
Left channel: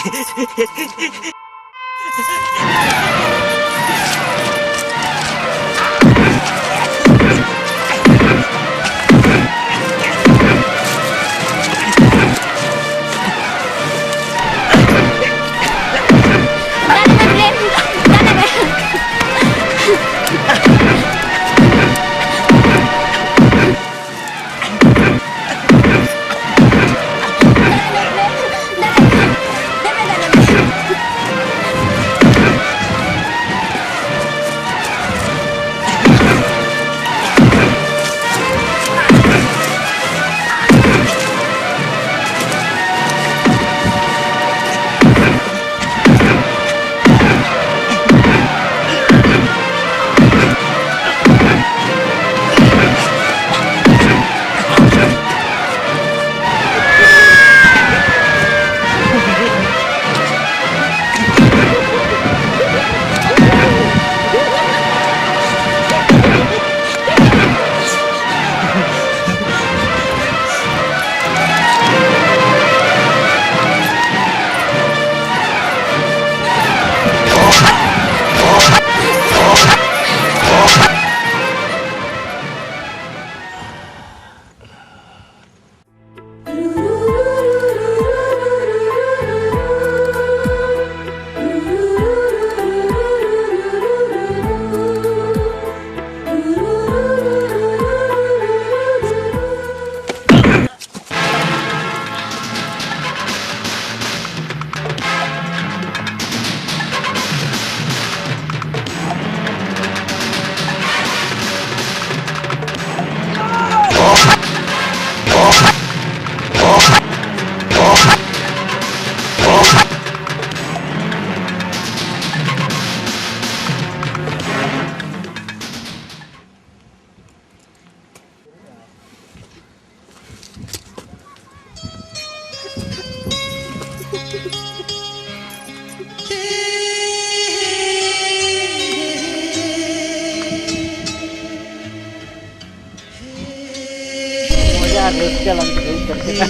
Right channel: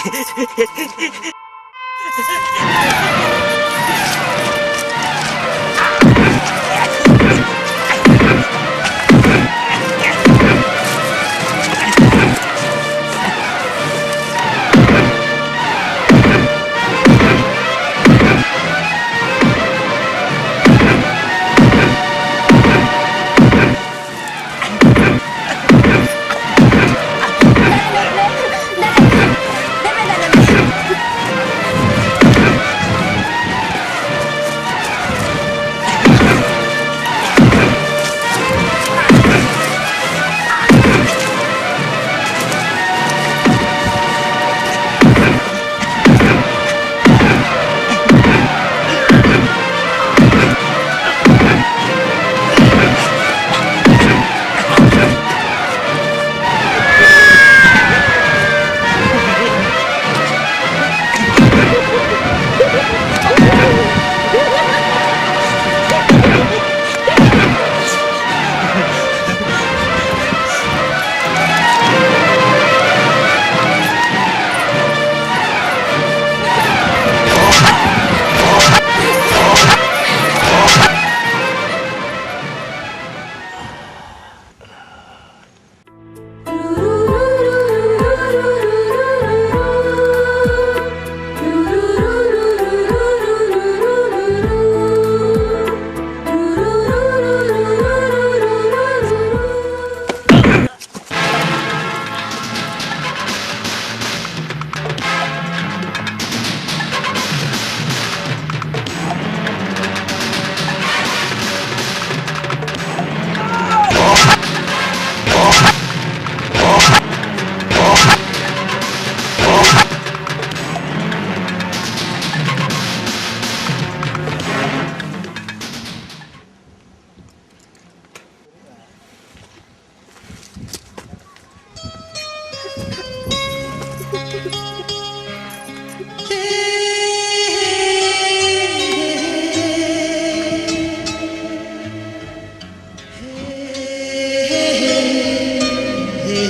रस्का लाम बुझाव उतर केना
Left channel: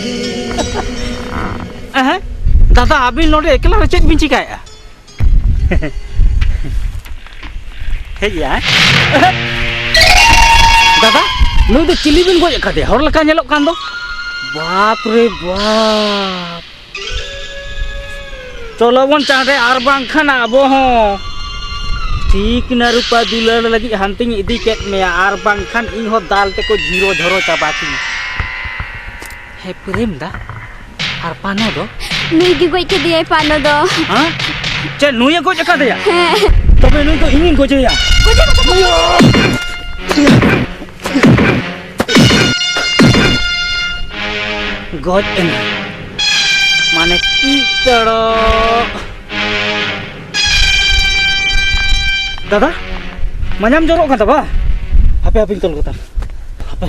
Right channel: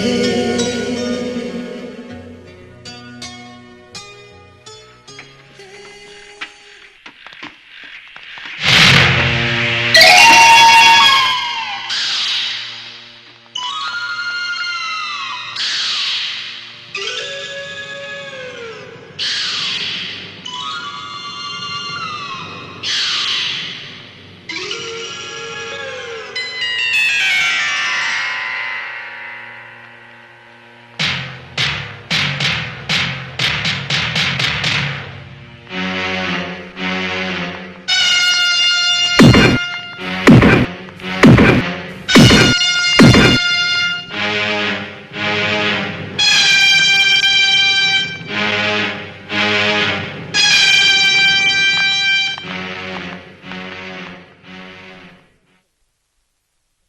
दादा अबिन नोडे एकला रे चेक बिन चिकाया हेया दादा नु दो चिली बिन गोय कादे हर लका नेलोक कान दो बाप रे बाप चलो बन चाहे आर बांखान आबो हो ठीक ना रूपा दुलार लगी हंतिंग इदी केट में आर बांखान इन हो दाल ते को जीरो धरो चाबाती हे प्रेम दा आर पाना दो नुई दी गोई के दिए पानो दो हां चे नुई को जका दे तबे नु तो इन को जया गॉड माने की तड़ो दादा मनाम जोरो का तबा हापे हापे तोल को ता हापे